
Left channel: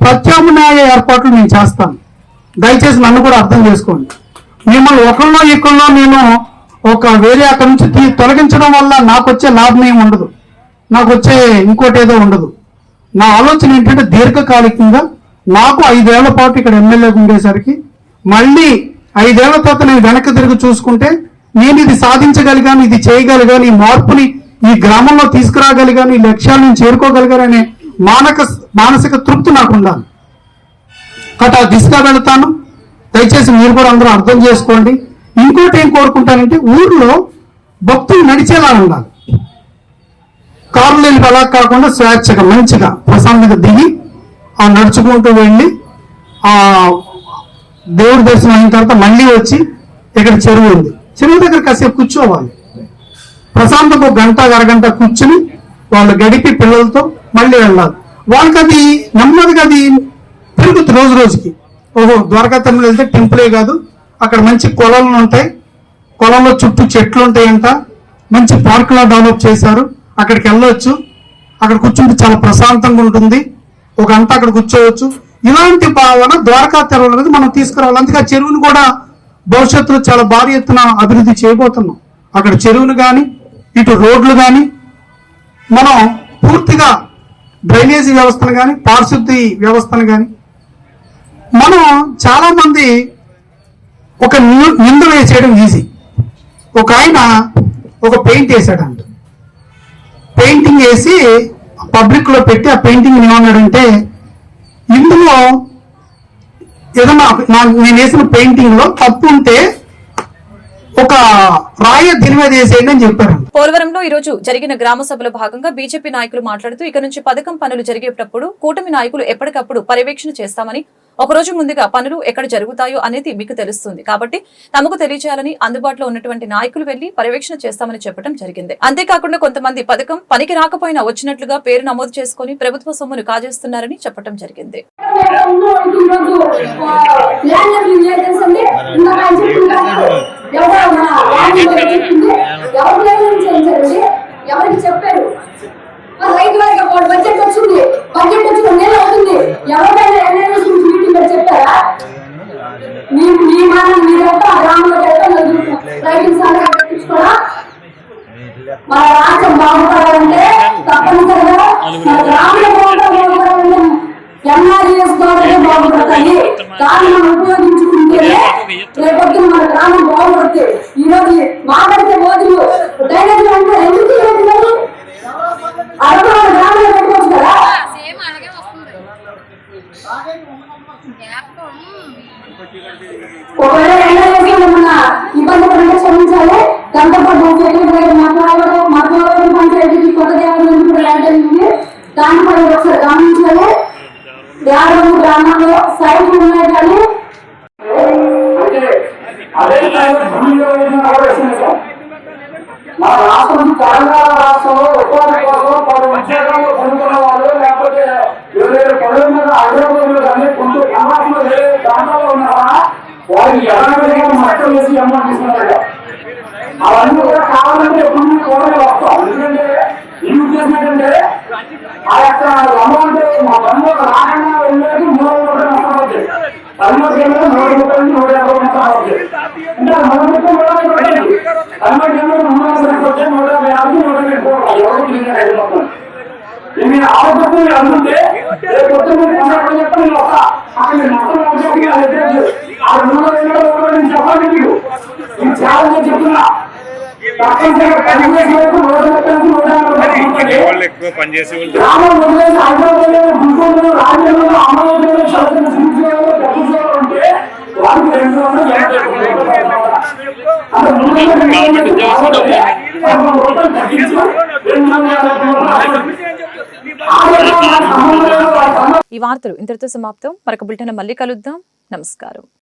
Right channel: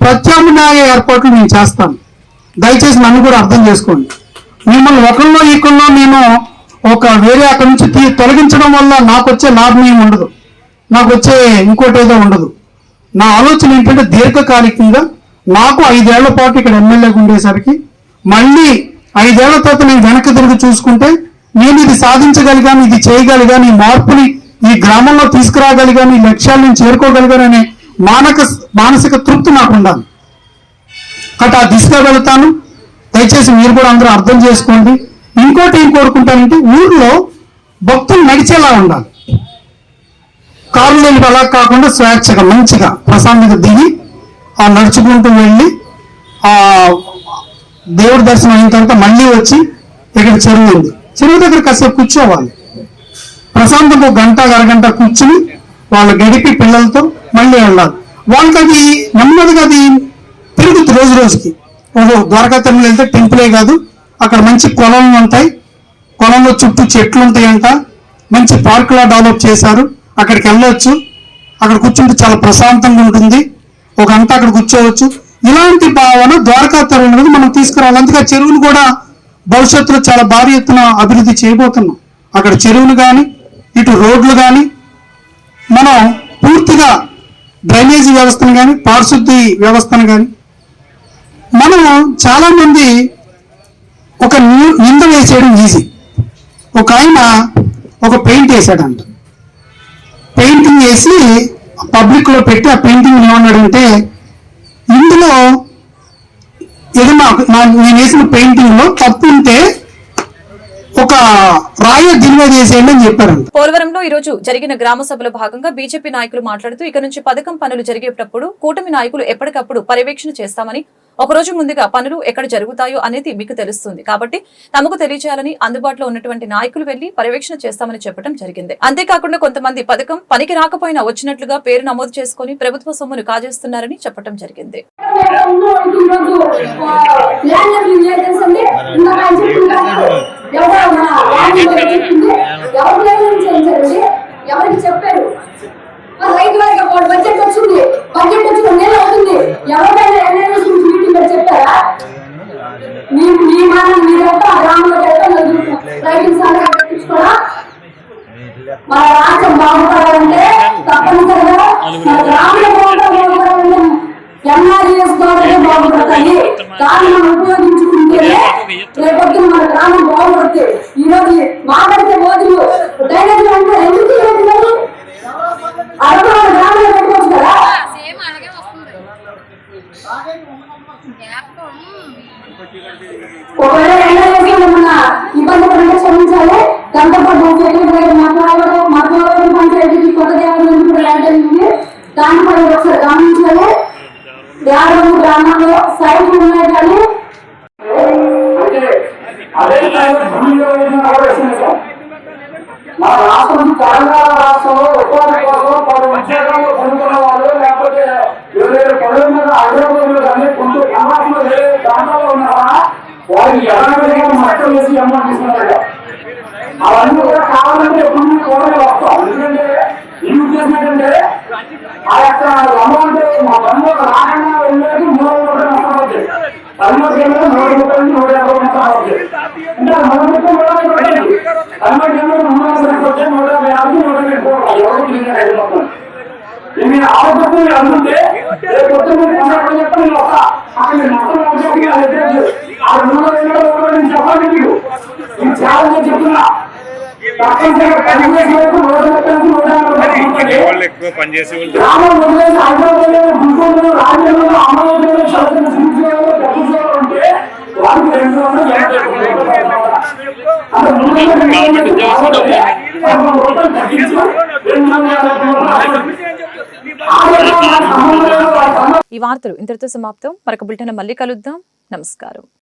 ప్రత్యామ్నాయ ఏర్పాట్లు నేను చేస్తాను. దయచేసి నన్ను కూడా అర్థం చేసుకోండి. మిమ్మల్ని ఒకళ్ళో ఈకుల్లో నేను ఒక వేరే అక్కడి నుంచి తొలగించడం వల్ల నాకు వచ్చే లాభం ఏమి ఉండదు, నాకు వచ్చే ఇంకోటేదో ఉండదు. నా ఆలోచన ఏంటంటే దీర్ఘకాలికంగా నాకు 5 ఏళ్ల పాటు ఇక్కడ ఎమ్మెల్యేగా ఉండేసరికి మళ్ళీ 5 ఏళ్ల తర్వాత నేను వెనక్కి తిరిగి చూసుకుంటే నేను ఇది సాధించగలిగాను, ఇది చేయగలిగాను, ఈ మార్పుని ఈ గ్రామంలో తీసుకురాగలిగాను, ఈ లక్ష్యాలను చేరుకోగలిగాననే మానసిక తృప్తి నాకు ఉండాలి. కాబట్టి ఆ దిశగా వెళతాను. దయచేసి మీరు కూడా అందరూ అర్థం చేసుకోండి. ఇంకోటి ఏం కోరుకుంటానంటే ఊర్లో భక్తులు నడిచేలా ఉండాలి. కారులు అలా కాకుండా స్వేచ్ఛగా మంచిగా ప్రశాంతంగా దిగి ఆ నడుచుకుంటూ వెళ్ళి ఆ దేవుడి దర్శనం అయిన తర్వాత మళ్ళీ వచ్చి ఇక్కడ చెరువు ఉంది, చెరువు దగ్గర కాసేపు కూర్చోవాలి. ప్రశాంతంగా 1 గంట అరగంట కూర్చుని వాళ్ళు గడిపి పిల్లలతో మళ్ళీ వెళ్ళాలి. వాళ్ళకి అది నెమ్మదిగా అది పెరుగుతుంది రోజు రోజుకి. ఓహో, ద్వారకా తిరుమల వెళ్తే టెంపులే కాదు, అక్కడ మంచి కొలలు ఉంటాయి, కొలంలో చుట్టూ చెట్లు ఉంటాయంట, మంచి పార్కులా డెవలప్ చేశారు, అక్కడికి వెళ్ళొచ్చు, అక్కడ కూర్చుంటే చాలా ప్రశాంతంగా ఉంటుంది, 1 గంట అక్కడ కూర్చోవచ్చు. ఇలాంటి భావన ద్వారకా తిరుమల మనం తీసుకురావాలి. అందుకే చెరువును కూడా భవిష్యత్తులో చాలా భారీ ఎత్తున అభివృద్ధి చేయబోతున్నాం. అక్కడ చెరువులు కానీ ఇటు రోడ్లు కానీ మనం పూర్తిగా డ్రైనేజీ వ్యవస్థను కానీ పారిశుద్ధి వ్యవస్థను కానీ మనం చాలా మంది ఒక నింద వేసేయడం ఈజీ. ఒక ఆయన ఒక పెయింట్ వేసాడంట, పెయింటింగ్ వేసి పబ్లిక్ లో పెట్టి ఆ పెయింటింగ్ ఏమన్నాడంటే ఇందులో ఏదన్నా నేను వేసిన పెయింటింగ్ లో తప్పు ఉంటే ఒక రాయ దీని మీద వేసేయండి అని చెప్పారంట. పోలవరంలో ఈ రోజు జరిగిన గ్రామ సభలో భాగంగా బీజేపీ నాయకులు మాట్లాడుతూ ఇక నుంచి పథకం పనులు జరిగేటప్పుడు కూటమి నాయకులు ఎప్పటికప్పుడు పర్యవేక్షణ చేస్తామని, ఒక రోజు ముందుగా పనులు ఎక్కడ జరుగుతాయో అనేది మీకు తెలుస్తుంది కాబట్టి తమకు తెలియజేయాలని అందుబాటులో ఉన్నటువంటి నాయకులు వెళ్లి పర్యవేక్షణ చేస్తామని చెప్పడం జరిగింది. అంతేకాకుండా కొంతమంది పథకం పనికి రాకపోయినా వచ్చినట్లుగా పేరు నమోదు చేసుకుని ప్రభుత్వ సొమ్మును కాజేస్తున్నారని చెప్పడం జరిగింది. ఎవరికి చెప్పారు? రైతు వారికి బడ్జెట్ వచ్చింది, బడ్జెట్ వచ్చి 2 నెలలు అవుతుంది. ఎవరికైనా ఎన్ఐఎస్ మీటింగ్ చెప్పారా? మీ మనం మీరంతా గ్రామంలో రైతుల సంఘం పెట్టించుకోవడం. మన రాష్ట్రం బాగుపడాలంటే తప్పనిసరిగా మన గ్రామంలో బాగుపడాలంటే ఎన్ఆర్ఎస్ ద్వారా బాగుపడతాయి. దాన్ని మనం ఉపయోగించుకుంటేనే రేపొద్దు మన గ్రామం బాగుపడుతుంది. ఈ రోజు మాట్లాడితే మోదీలు డ్రైనేజీలు అంటే ఎందుకు అరవై గ్రామంలో పెట్టుకోవచ్చు కదా. ఒకవేళ ఎన్ఆర్ఎస్ ఏమన్నా ఇబ్బంది పడితే క్షమించాలి. దాంతోపాటు మాట్లాడే పంచాయతీకి కొత్త దేవాలయం కూడా లాంటి దాని పై ఒకసారి గమనించాలి. 50 గ్రామాల్లో సైట్లు ఉన్నాయి కానీ మన రాష్ట్రం తెలంగాణ రాష్ట్రంలో ఉపాధి కోసం 10 ఉద్యోగాలు పొందుతున్న వాళ్ళు లేకపోతే 27 పదవుల మీద హైదరాబాద్ కానీ కొంచెం గ్రామాల్లో వేరే ప్రాంతాల్లో ఉన్నారా వారికి ఎలాంటి మట్టం వేసి అమౌంట్ తీసుకున్నారట. అవన్నీ కూడా కావాలంటే ఎప్పుడు కోరలు వస్తాం. ఎందుకంటే ఈ ఉద్దేశం ఏంటంటే ఆ యొక్క అమౌంట్ మా పనులు రాకుండా వెళ్ళేది 300 రూపాయలు నష్టపోతుంది. 13 150 నష్టపోతుంది. అంటే 150 ఇవి ఆలోచన అందుంటే రేపు చెప్పి నేను వస్తా అక్కడ నష్టం ఆ 200 నేను చెప్పాలి. మీకు ఇది చాలా చెప్తున్నా. తప్పనిసరిగా 10 వరకు 150 పనిచేసి గ్రామం వదిలేసి హైదరాబాద్ గుంటూరు రాజ్యాంగంలో అమలు ఉంటే వారికి 200 ఈ వార్తలు ఇంతటితో సమాప్తం. మరొక బులెటిన్ మళ్ళీ కలుద్దాం. నమస్కారం.